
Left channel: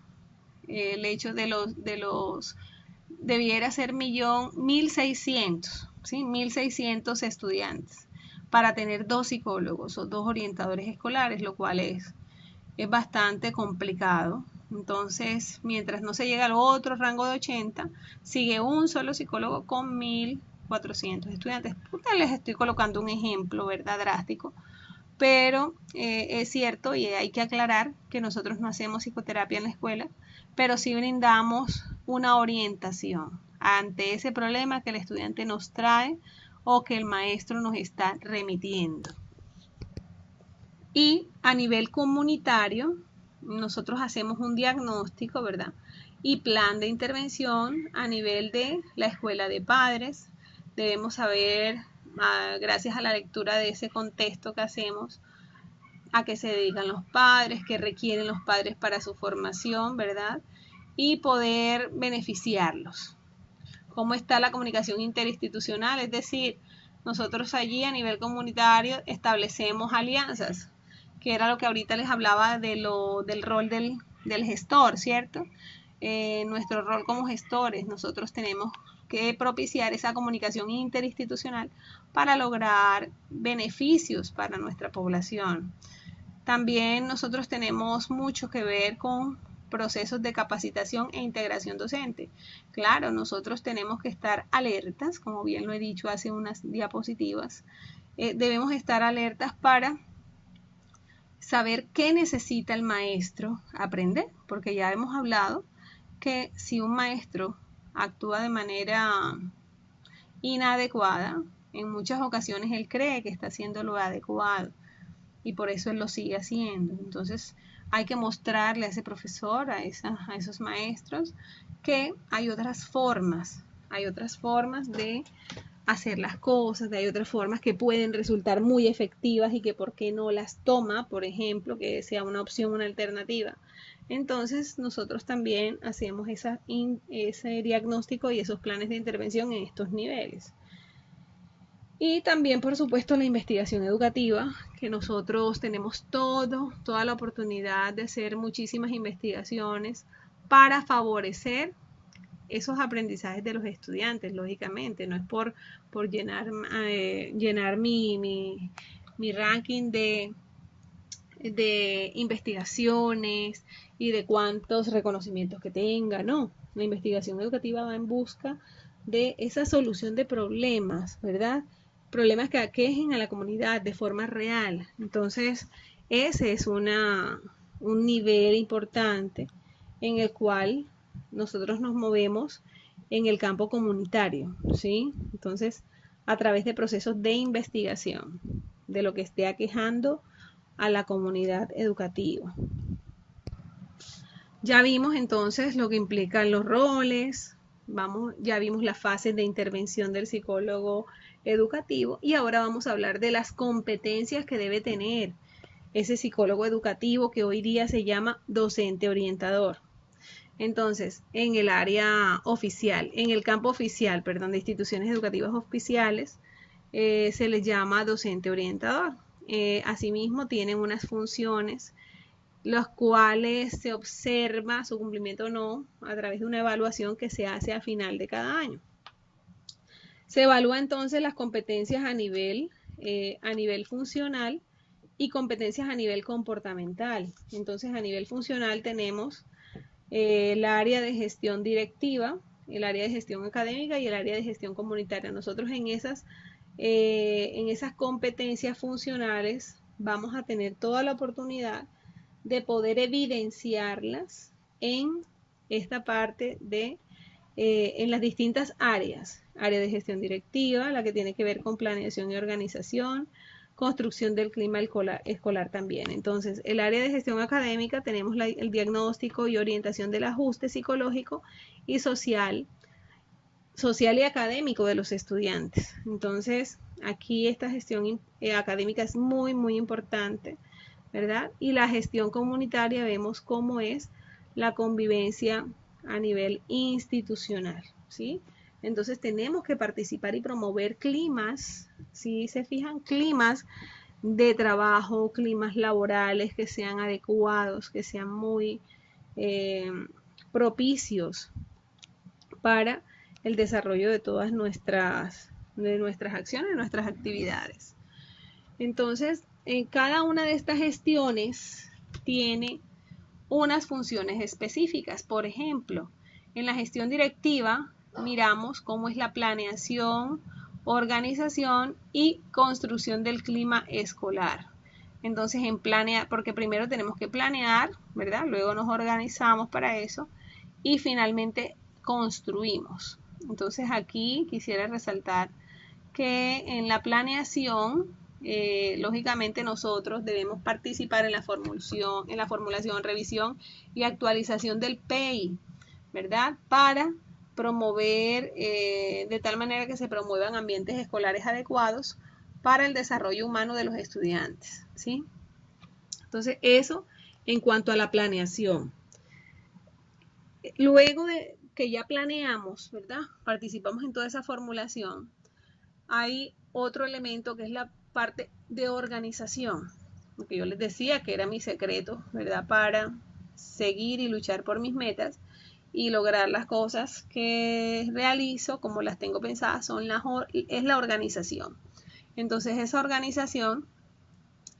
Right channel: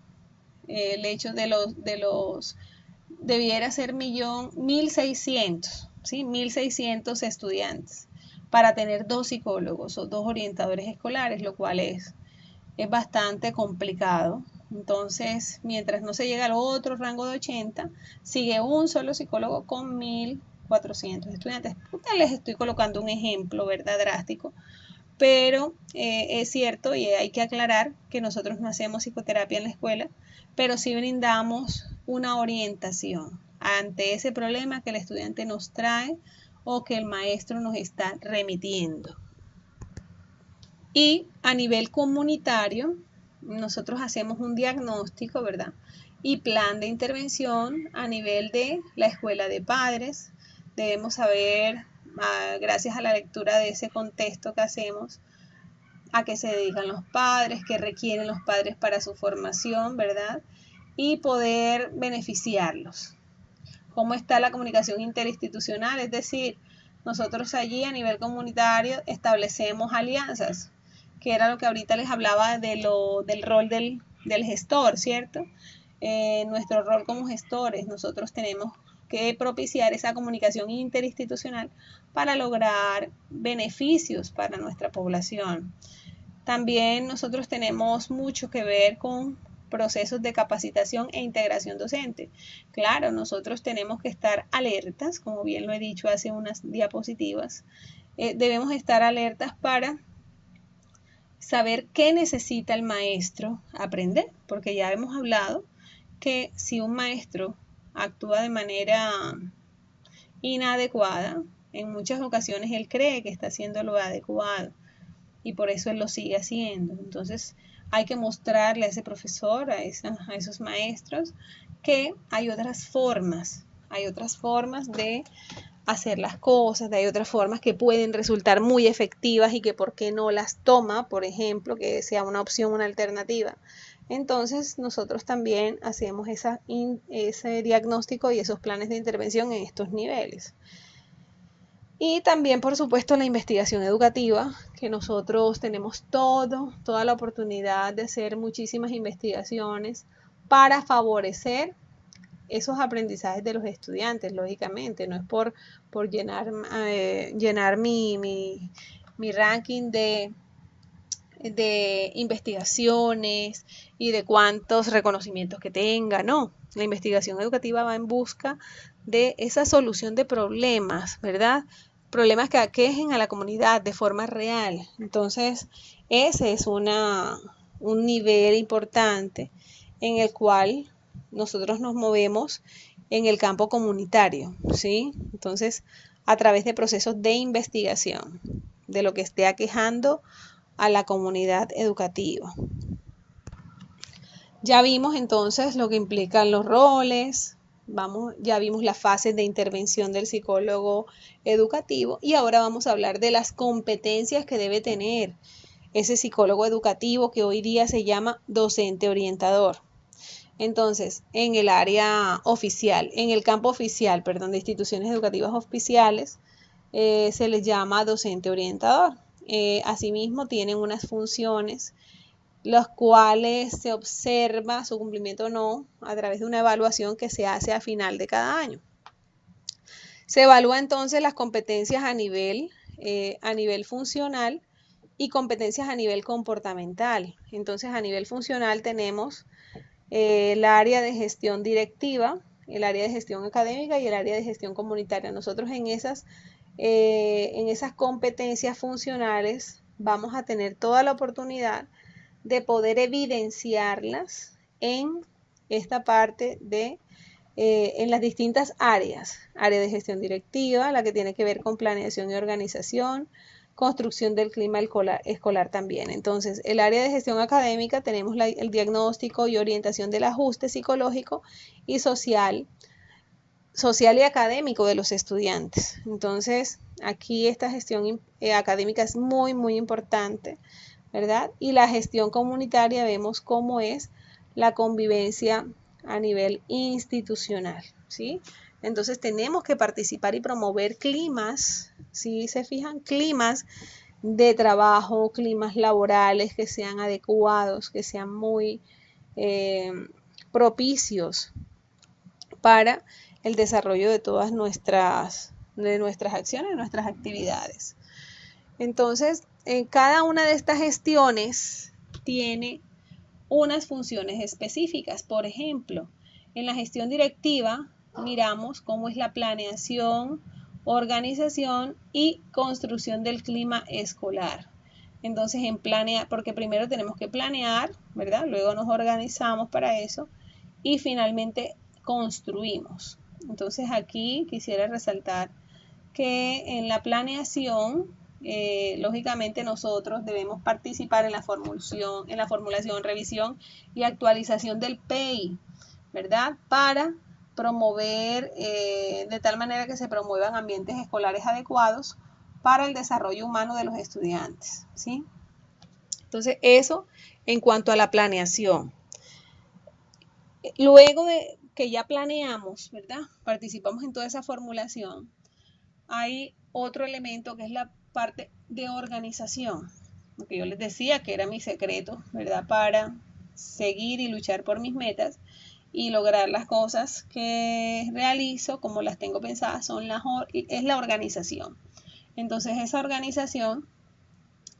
el hecho de los debiera ser 1600, ¿sí? 1600 estudiantes para tener 2 psicólogos o 2 orientadores escolares, lo cual es bastante complicado. Entonces, mientras no se llega al otro rango de 80, sigue un solo psicólogo con 1400 estudiantes. Les estoy colocando un ejemplo, ¿verdad? Drástico. Pero es cierto y hay que aclarar que nosotros no hacemos psicoterapia en la escuela, pero sí brindamos una orientación ante ese problema que el estudiante nos trae o que el maestro nos está remitiendo. Y a nivel comunitario, nosotros hacemos un diagnóstico, ¿verdad? Y plan de intervención a nivel de la escuela de padres. Debemos saber, gracias a la lectura de ese contexto que hacemos, a qué se dedican los padres, qué requieren los padres para su formación, ¿verdad? Y poder beneficiarlos. ¿Cómo está la comunicación interinstitucional? Es decir, nosotros allí a nivel comunitario establecemos alianzas, que era lo que ahorita les hablaba del rol del gestor, ¿cierto? Nuestro rol como gestores, nosotros tenemos que propiciar esa comunicación interinstitucional para lograr beneficios para nuestra población. También nosotros tenemos mucho que ver con procesos de capacitación e integración docente. Claro, nosotros tenemos que estar alertas, como bien lo he dicho hace unas diapositivas, debemos estar alertas para saber qué necesita el maestro aprender, porque ya hemos hablado que si un maestro actúa de manera inadecuada, en muchas ocasiones él cree que está haciendo lo adecuado y por eso él lo sigue haciendo. Entonces hay que mostrarle a ese profesor, a esos maestros, que hay otras formas de hacer las cosas, hay otras formas que pueden resultar muy efectivas y que por qué no las toma, por ejemplo, que sea una opción, una alternativa, Entonces nosotros también hacemos ese diagnóstico y esos planes de intervención en estos niveles. Y también, por supuesto, la investigación educativa, que nosotros tenemos toda la oportunidad de hacer muchísimas investigaciones para favorecer esos aprendizajes de los estudiantes, lógicamente. No es por llenar mi ranking de investigaciones y de cuántos reconocimientos que tenga, no. La investigación educativa va en busca de esa solución de problemas, ¿verdad? Problemas que aquejen a la comunidad de forma real. Entonces, ese es un nivel importante en el cual nosotros nos movemos en el campo comunitario, ¿sí? Entonces, a través de procesos de investigación de lo que esté aquejando a la comunidad educativa. Ya vimos entonces lo que implican los roles, ya vimos las fases de intervención del psicólogo educativo y ahora vamos a hablar de las competencias que debe tener ese psicólogo educativo que hoy día se llama docente orientador. Entonces, en el área oficial, en el campo oficial, perdón, de instituciones educativas oficiales, se les llama docente orientador. Asimismo, tienen unas funciones las cuales se observa su cumplimiento o no a través de una evaluación que se hace a final de cada año. Se evalúa entonces las competencias a nivel funcional y competencias a nivel comportamental. Entonces, a nivel funcional tenemos el área de gestión directiva, el área de gestión académica y el área de gestión comunitaria. Nosotros en esas competencias funcionales vamos a tener toda la oportunidad de poder evidenciarlas en esta parte en las distintas áreas. Área de gestión directiva, la que tiene que ver con planeación y organización, construcción del clima escolar también. Entonces, el área de gestión académica tenemos el diagnóstico y orientación del ajuste psicológico y social y académico de los estudiantes. Entonces, aquí esta gestión académica es muy, muy importante, ¿verdad? Y la gestión comunitaria vemos cómo es la convivencia a nivel institucional, ¿sí? Entonces tenemos que participar y promover climas, si se fijan, climas de trabajo, climas laborales que sean adecuados, que sean muy propicios para el desarrollo de todas nuestras acciones, nuestras actividades. Entonces, cada una de estas gestiones tiene unas funciones específicas. Por ejemplo, en la gestión directiva miramos cómo es la planeación, organización y construcción del clima escolar. Entonces, porque primero tenemos que planear, ¿verdad? Luego nos organizamos para eso y finalmente construimos. Entonces, aquí quisiera resaltar que en la planeación lógicamente nosotros debemos participar en la formulación, revisión y actualización del PEI, ¿verdad? Para promover, de tal manera que se promuevan ambientes escolares adecuados para el desarrollo humano de los estudiantes, ¿sí? Entonces, eso en cuanto a la planeación. Luego de que ya planeamos, ¿verdad? Participamos en toda esa formulación. Hay otro elemento que es la parte de organización, lo que yo les decía que era mi secreto, ¿verdad? Para seguir y luchar por mis metas y lograr las cosas que realizo como las tengo pensadas es la organización. Entonces esa organización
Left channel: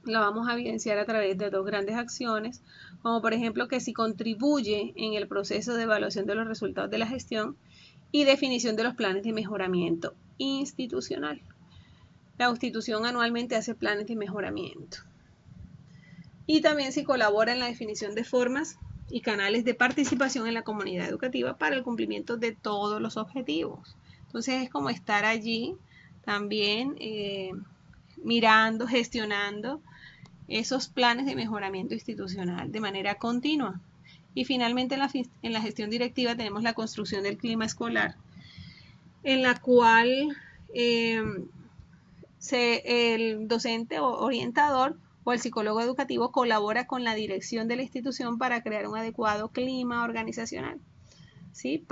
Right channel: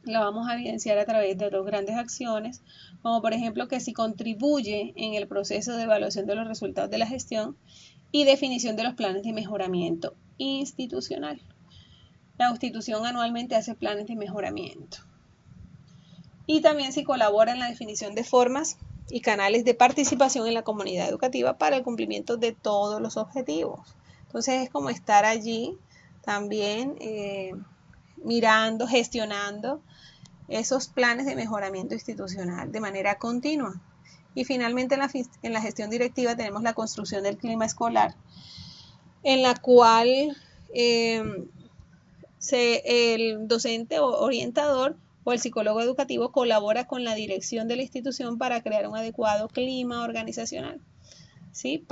la vamos a evidenciar a través de dos grandes acciones, como por ejemplo que si contribuye en el proceso de evaluación de los resultados de la gestión y definición de los planes de mejoramiento institucional. La institución anualmente hace planes de mejoramiento. Y también si colabora en la definición de formas y canales de participación en la comunidad educativa para el cumplimiento de todos los objetivos. Entonces es como estar allí también mirando, gestionando esos planes de mejoramiento institucional de manera continua. Y finalmente en la gestión directiva tenemos la construcción del clima escolar, en la cual el docente o orientador o el psicólogo educativo colabora con la dirección de la institución para crear un adecuado clima organizacional, ¿sí?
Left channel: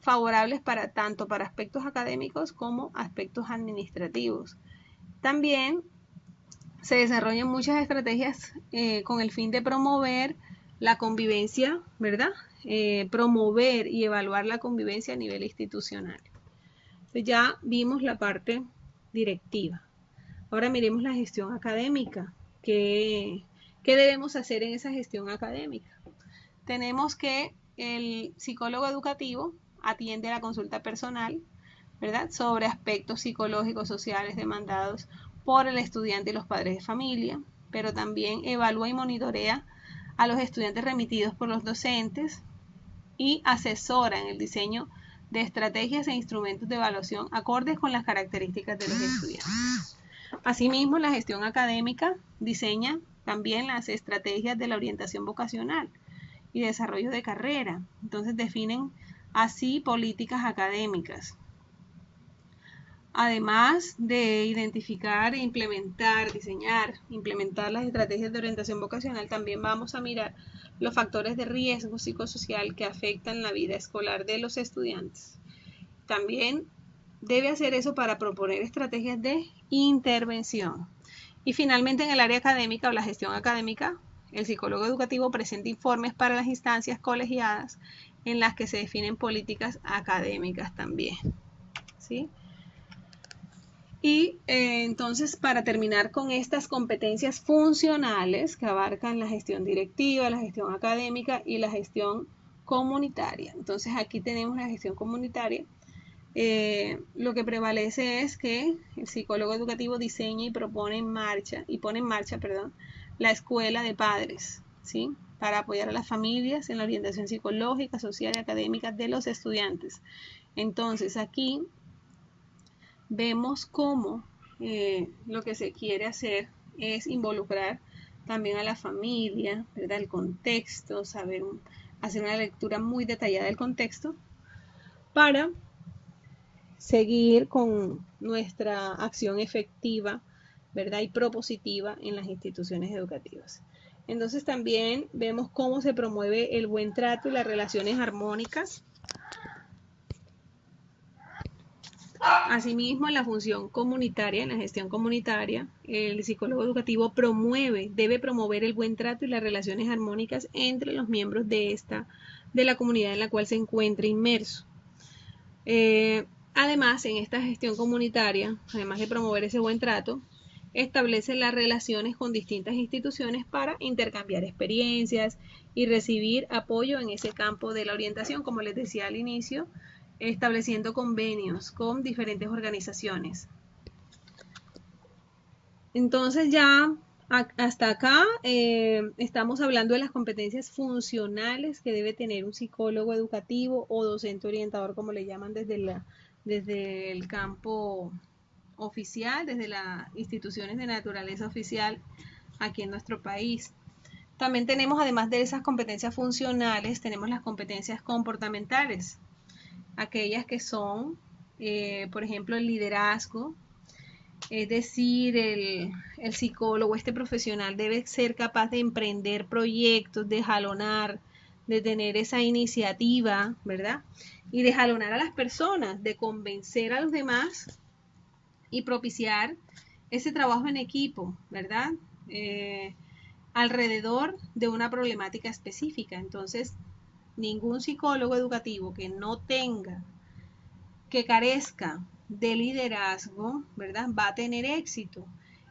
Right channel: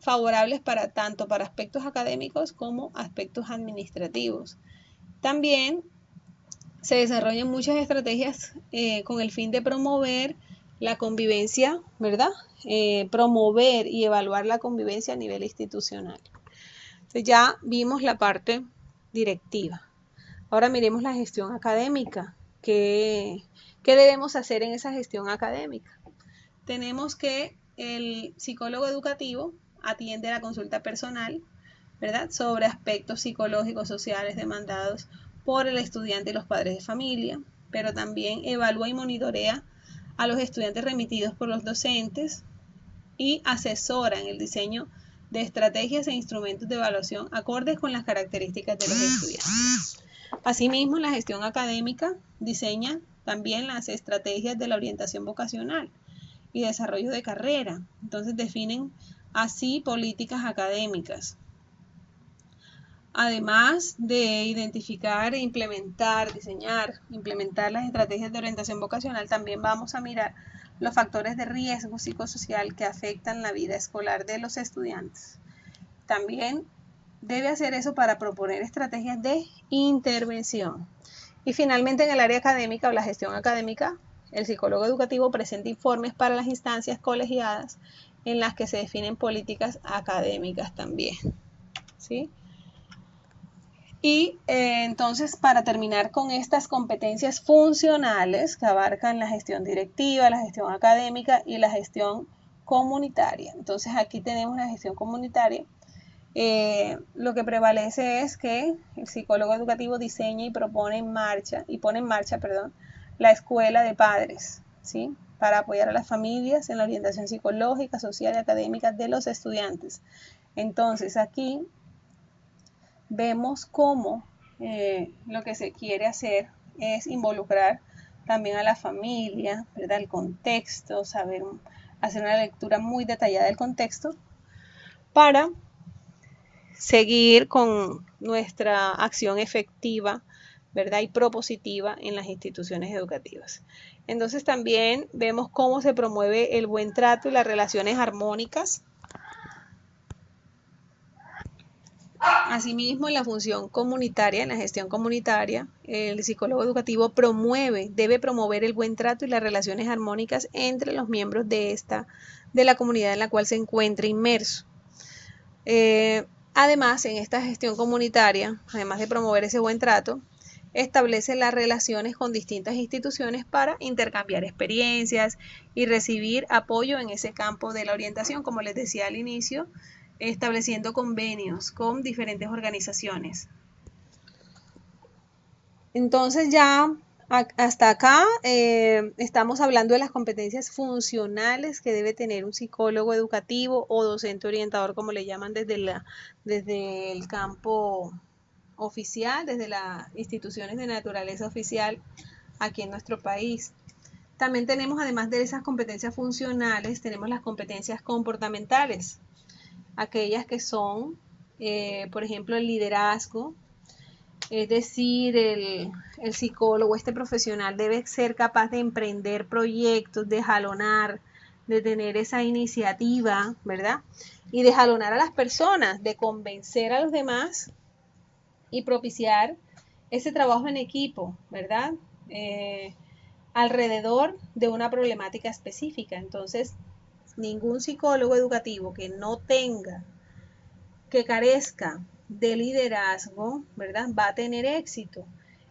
Favorables tanto para aspectos académicos como aspectos administrativos. También se desarrollan muchas estrategias con el fin de promover la convivencia, ¿verdad? Promover y evaluar la convivencia a nivel institucional. Entonces ya vimos la parte directiva. Ahora miremos la gestión académica. ¿Qué debemos hacer en esa gestión académica? Tenemos que el psicólogo educativo atiende la consulta personal, ¿verdad?, sobre aspectos psicológicos, sociales demandados por el estudiante y los padres de familia, pero también evalúa y monitorea a los estudiantes remitidos por los docentes y asesora en el diseño de estrategias e instrumentos de evaluación acordes con las características de los estudiantes. Asimismo, la gestión académica diseña también las estrategias de la orientación vocacional y desarrollo de carrera. Entonces definen así políticas académicas. Además de identificar e implementar las estrategias de orientación vocacional, también vamos a mirar los factores de riesgo psicosocial que afectan la vida escolar de los estudiantes. También debe hacer eso para proponer estrategias de intervención. Y finalmente, en el área académica o la gestión académica, el psicólogo educativo presenta informes para las instancias colegiadas en las que se definen políticas académicas también, ¿sí? Y entonces, para terminar con estas competencias funcionales que abarcan la gestión directiva, la gestión académica y la gestión comunitaria. Entonces, aquí tenemos la gestión comunitaria. Lo que prevalece es que el psicólogo educativo diseña y pone en marcha, la escuela de padres, ¿sí?, para apoyar a las familias en la orientación psicológica, social y académica de los estudiantes. Entonces, aquí vemos cómo lo que se quiere hacer es involucrar también a la familia, ¿verdad?, el contexto, hacer una lectura muy detallada del contexto para seguir con nuestra acción efectiva, ¿verdad?, y propositiva en las instituciones educativas. Entonces también vemos cómo se promueve el buen trato y las relaciones armónicas. Asimismo, en la función comunitaria, en la gestión comunitaria, el psicólogo educativo debe promover el buen trato y las relaciones armónicas entre los miembros de la comunidad en la cual se encuentra inmerso. Además, en esta gestión comunitaria, además de promover ese buen trato, establece las relaciones con distintas instituciones para intercambiar experiencias y recibir apoyo en ese campo de la orientación, como les decía al inicio, estableciendo convenios con diferentes organizaciones. Entonces ya hasta acá estamos hablando de las competencias funcionales que debe tener un psicólogo educativo o docente orientador, como le llaman desde el campo oficial, desde las instituciones de naturaleza oficial aquí en nuestro país. También tenemos, además de esas competencias funcionales, tenemos las competencias comportamentales, aquellas que son, por ejemplo, el liderazgo. Es decir, el psicólogo, este profesional debe ser capaz de emprender proyectos, de jalonar, de tener esa iniciativa, ¿verdad?, y de jalonar a las personas, de convencer a los demás y propiciar ese trabajo en equipo, ¿verdad?, alrededor de una problemática específica. Entonces, ningún psicólogo educativo que carezca de liderazgo, ¿verdad?, va a tener éxito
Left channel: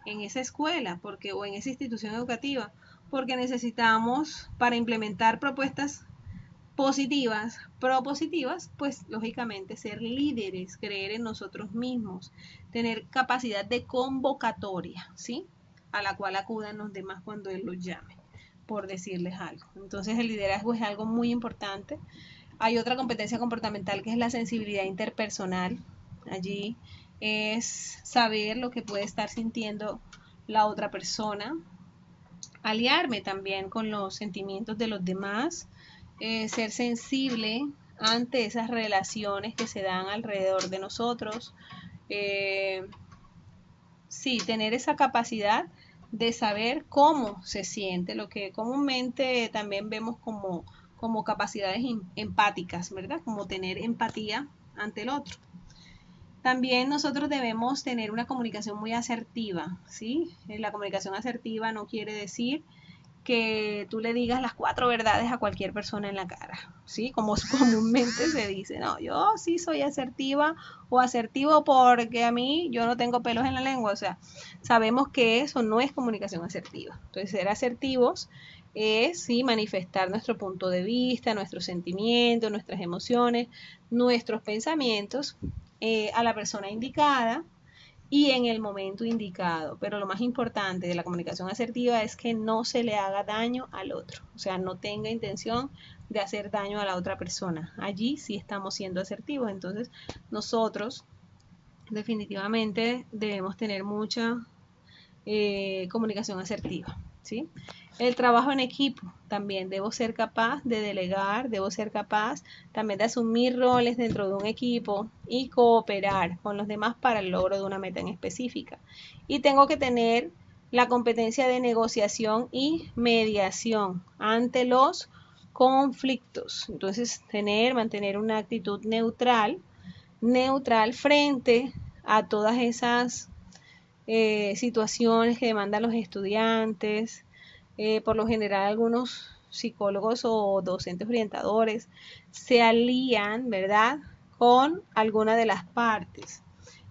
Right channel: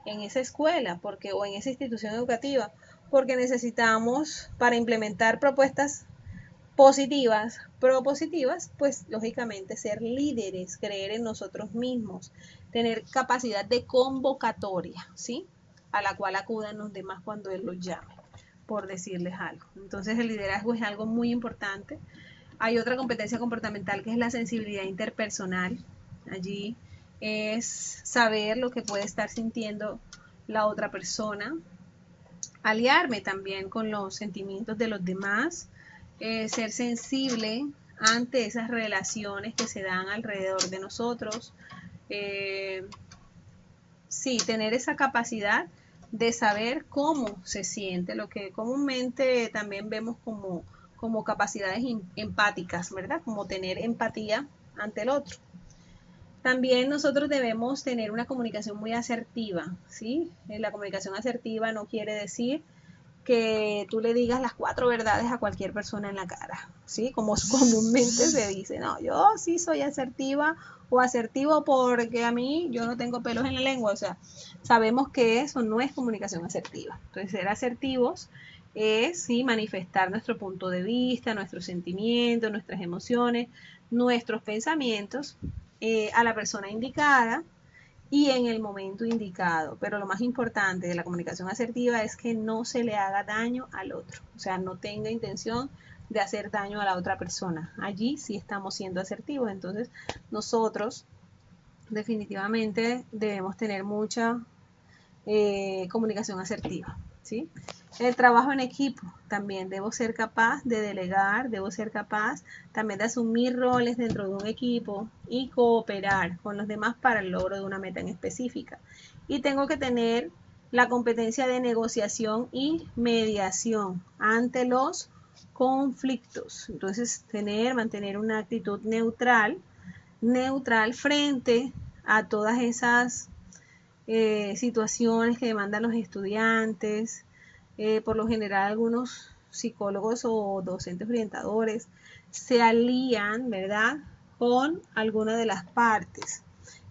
en esa escuela o en esa institución educativa, porque necesitamos, para implementar propuestas positivas, propositivas, pues lógicamente ser líderes, creer en nosotros mismos, tener capacidad de convocatoria, ¿sí?, a la cual acudan los demás cuando él los llame, por decirles algo. Entonces el liderazgo es algo muy importante. Hay otra competencia comportamental que es la sensibilidad interpersonal. Allí es saber lo que puede estar sintiendo la otra persona, aliarme también con los sentimientos de los demás, ser sensible ante esas relaciones que se dan alrededor de nosotros. Sí, tener esa capacidad de saber cómo se siente, lo que comúnmente también vemos como capacidades empáticas, ¿verdad? Como tener empatía ante el otro. También nosotros debemos tener una comunicación muy asertiva, ¿sí? La comunicación asertiva no quiere decir que tú le digas las 4 verdades a cualquier persona en la cara, ¿sí? Como comúnmente se dice, no, yo sí soy asertiva o asertivo porque a mí yo no tengo pelos en la lengua, o sea, sabemos que eso no es comunicación asertiva. Entonces, ser asertivos es, sí, manifestar nuestro punto de vista, nuestros sentimientos, nuestras emociones, nuestros pensamientos a la persona indicada y en el momento indicado. Pero lo más importante de la comunicación asertiva es que no se le haga daño al otro, o sea, no tenga intención de hacer daño a la otra persona. Allí sí estamos siendo asertivos. Entonces, nosotros definitivamente debemos tener mucha comunicación asertiva, ¿sí? El trabajo en equipo, también debo ser capaz de delegar, debo ser capaz también de asumir roles dentro de un equipo y cooperar con los demás para el logro de una meta en específica. Y tengo que tener la competencia de negociación y mediación ante los conflictos. Entonces, mantener una actitud neutral frente a todas esas situaciones que demandan los estudiantes. Por lo general, algunos psicólogos o docentes orientadores se alían, ¿verdad?, con alguna de las partes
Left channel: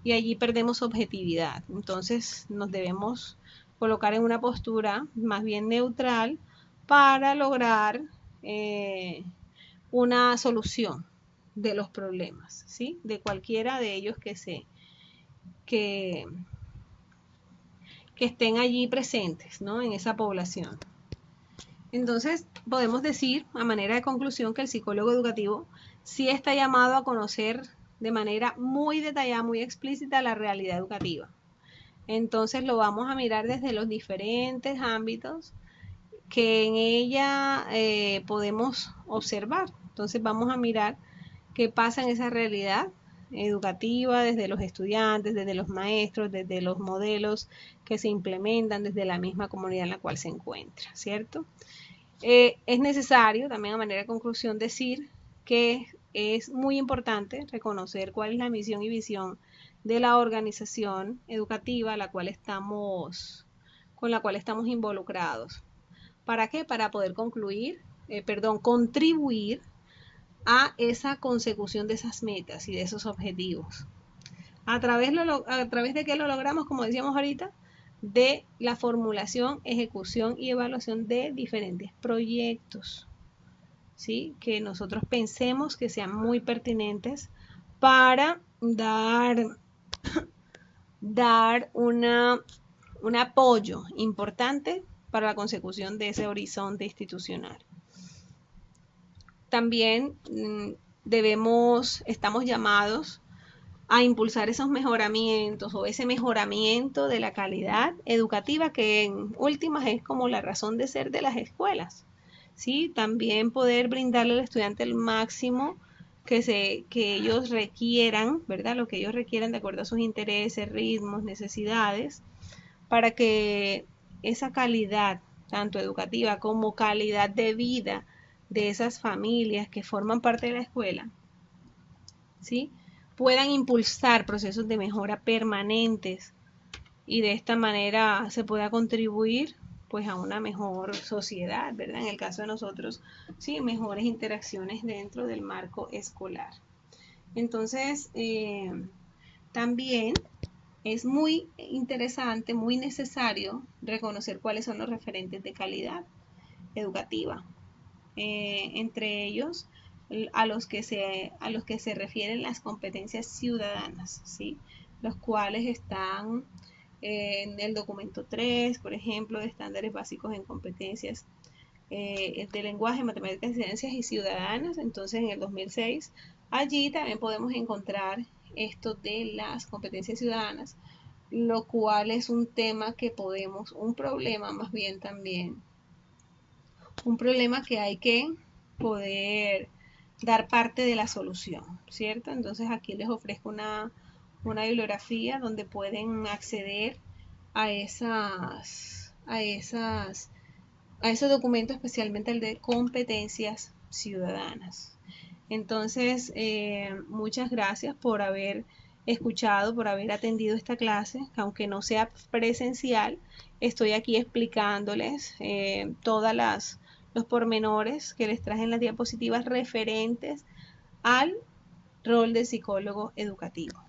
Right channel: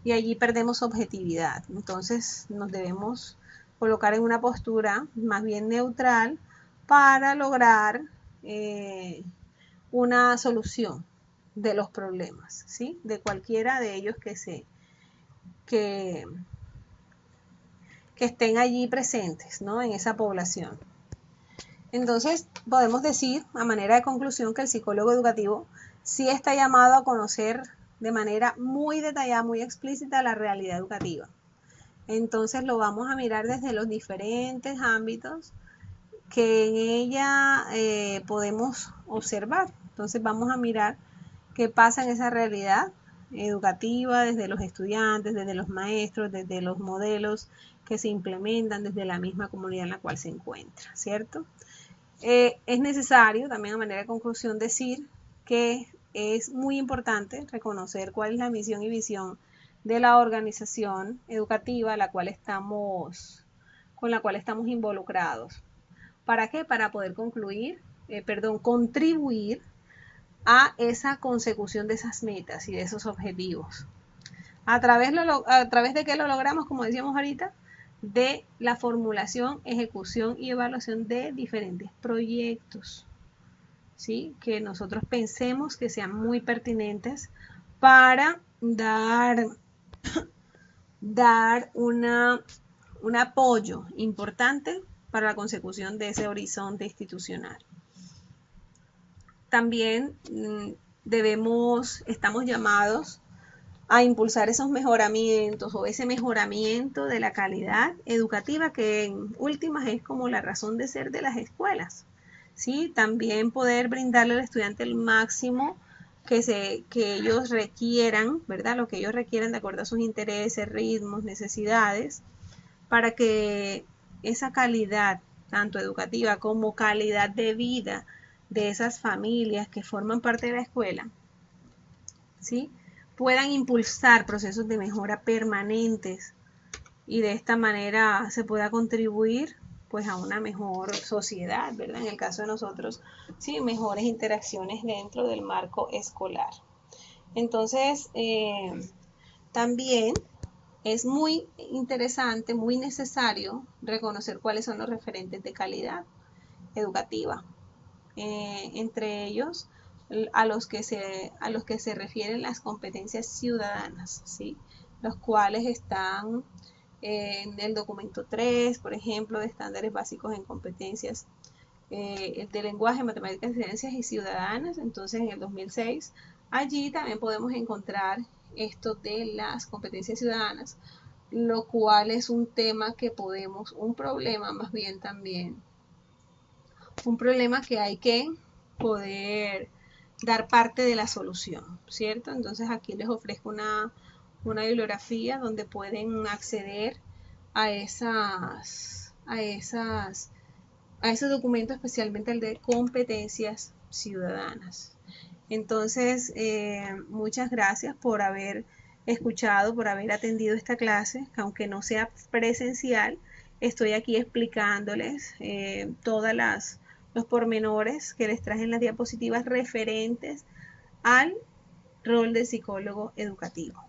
y allí perdemos objetividad. Entonces nos debemos colocar en una postura más bien neutral para lograr una solución de los problemas, ¿sí? De cualquiera de ellos que estén allí presentes, ¿no?, en esa población. Entonces, podemos decir, a manera de conclusión, que el psicólogo educativo sí está llamado a conocer de manera muy detallada, muy explícita, la realidad educativa. Entonces, lo vamos a mirar desde los diferentes ámbitos que en ella podemos observar. Entonces, vamos a mirar qué pasa en esa realidad educativa desde los estudiantes, desde los maestros, desde los modelos que se implementan desde la misma comunidad en la cual se encuentra, ¿cierto? Es necesario también, a manera de conclusión, decir que es muy importante reconocer cuál es la misión y visión de la organización educativa con la cual estamos involucrados. ¿Para qué? Para poder contribuir a esa consecución de esas metas y de esos objetivos. ¿A través de qué lo logramos? Como decíamos ahorita, de la formulación, ejecución y evaluación de diferentes proyectos, ¿sí?, que nosotros pensemos que sean muy pertinentes para dar un apoyo importante para la consecución de ese horizonte institucional. También estamos llamados a impulsar esos mejoramientos o ese mejoramiento de la calidad educativa, que en últimas es como la razón de ser de las escuelas, ¿sí? También poder brindarle al estudiante el máximo que ellos requieran, ¿verdad?, lo que ellos requieran de acuerdo a sus intereses, ritmos, necesidades, para que esa calidad, tanto educativa como calidad de vida de esas familias que forman parte de la escuela, ¿sí?, puedan impulsar procesos de mejora permanentes y de esta manera se pueda contribuir pues a una mejor sociedad, ¿verdad? En el caso de nosotros, sí, mejores interacciones dentro del marco escolar. Entonces, también es muy interesante, muy necesario reconocer cuáles son los referentes de calidad educativa. Entre ellos, a los que se refieren las competencias ciudadanas, ¿sí?, los cuales están en el documento 3, por ejemplo, de estándares básicos en competencias de lenguaje, matemáticas, ciencias y ciudadanas. Entonces, en el 2006, allí también podemos encontrar esto de las competencias ciudadanas, lo cual es un tema un problema más bien también, un problema que hay que poder dar parte de la solución, ¿cierto? Entonces aquí les ofrezco una bibliografía donde pueden acceder a a esos documentos, especialmente el de competencias ciudadanas. Entonces, muchas gracias por haber escuchado, por haber atendido esta clase, aunque no sea presencial, estoy aquí explicándoles todas los pormenores que les traje en las diapositivas referentes al rol del psicólogo educativo.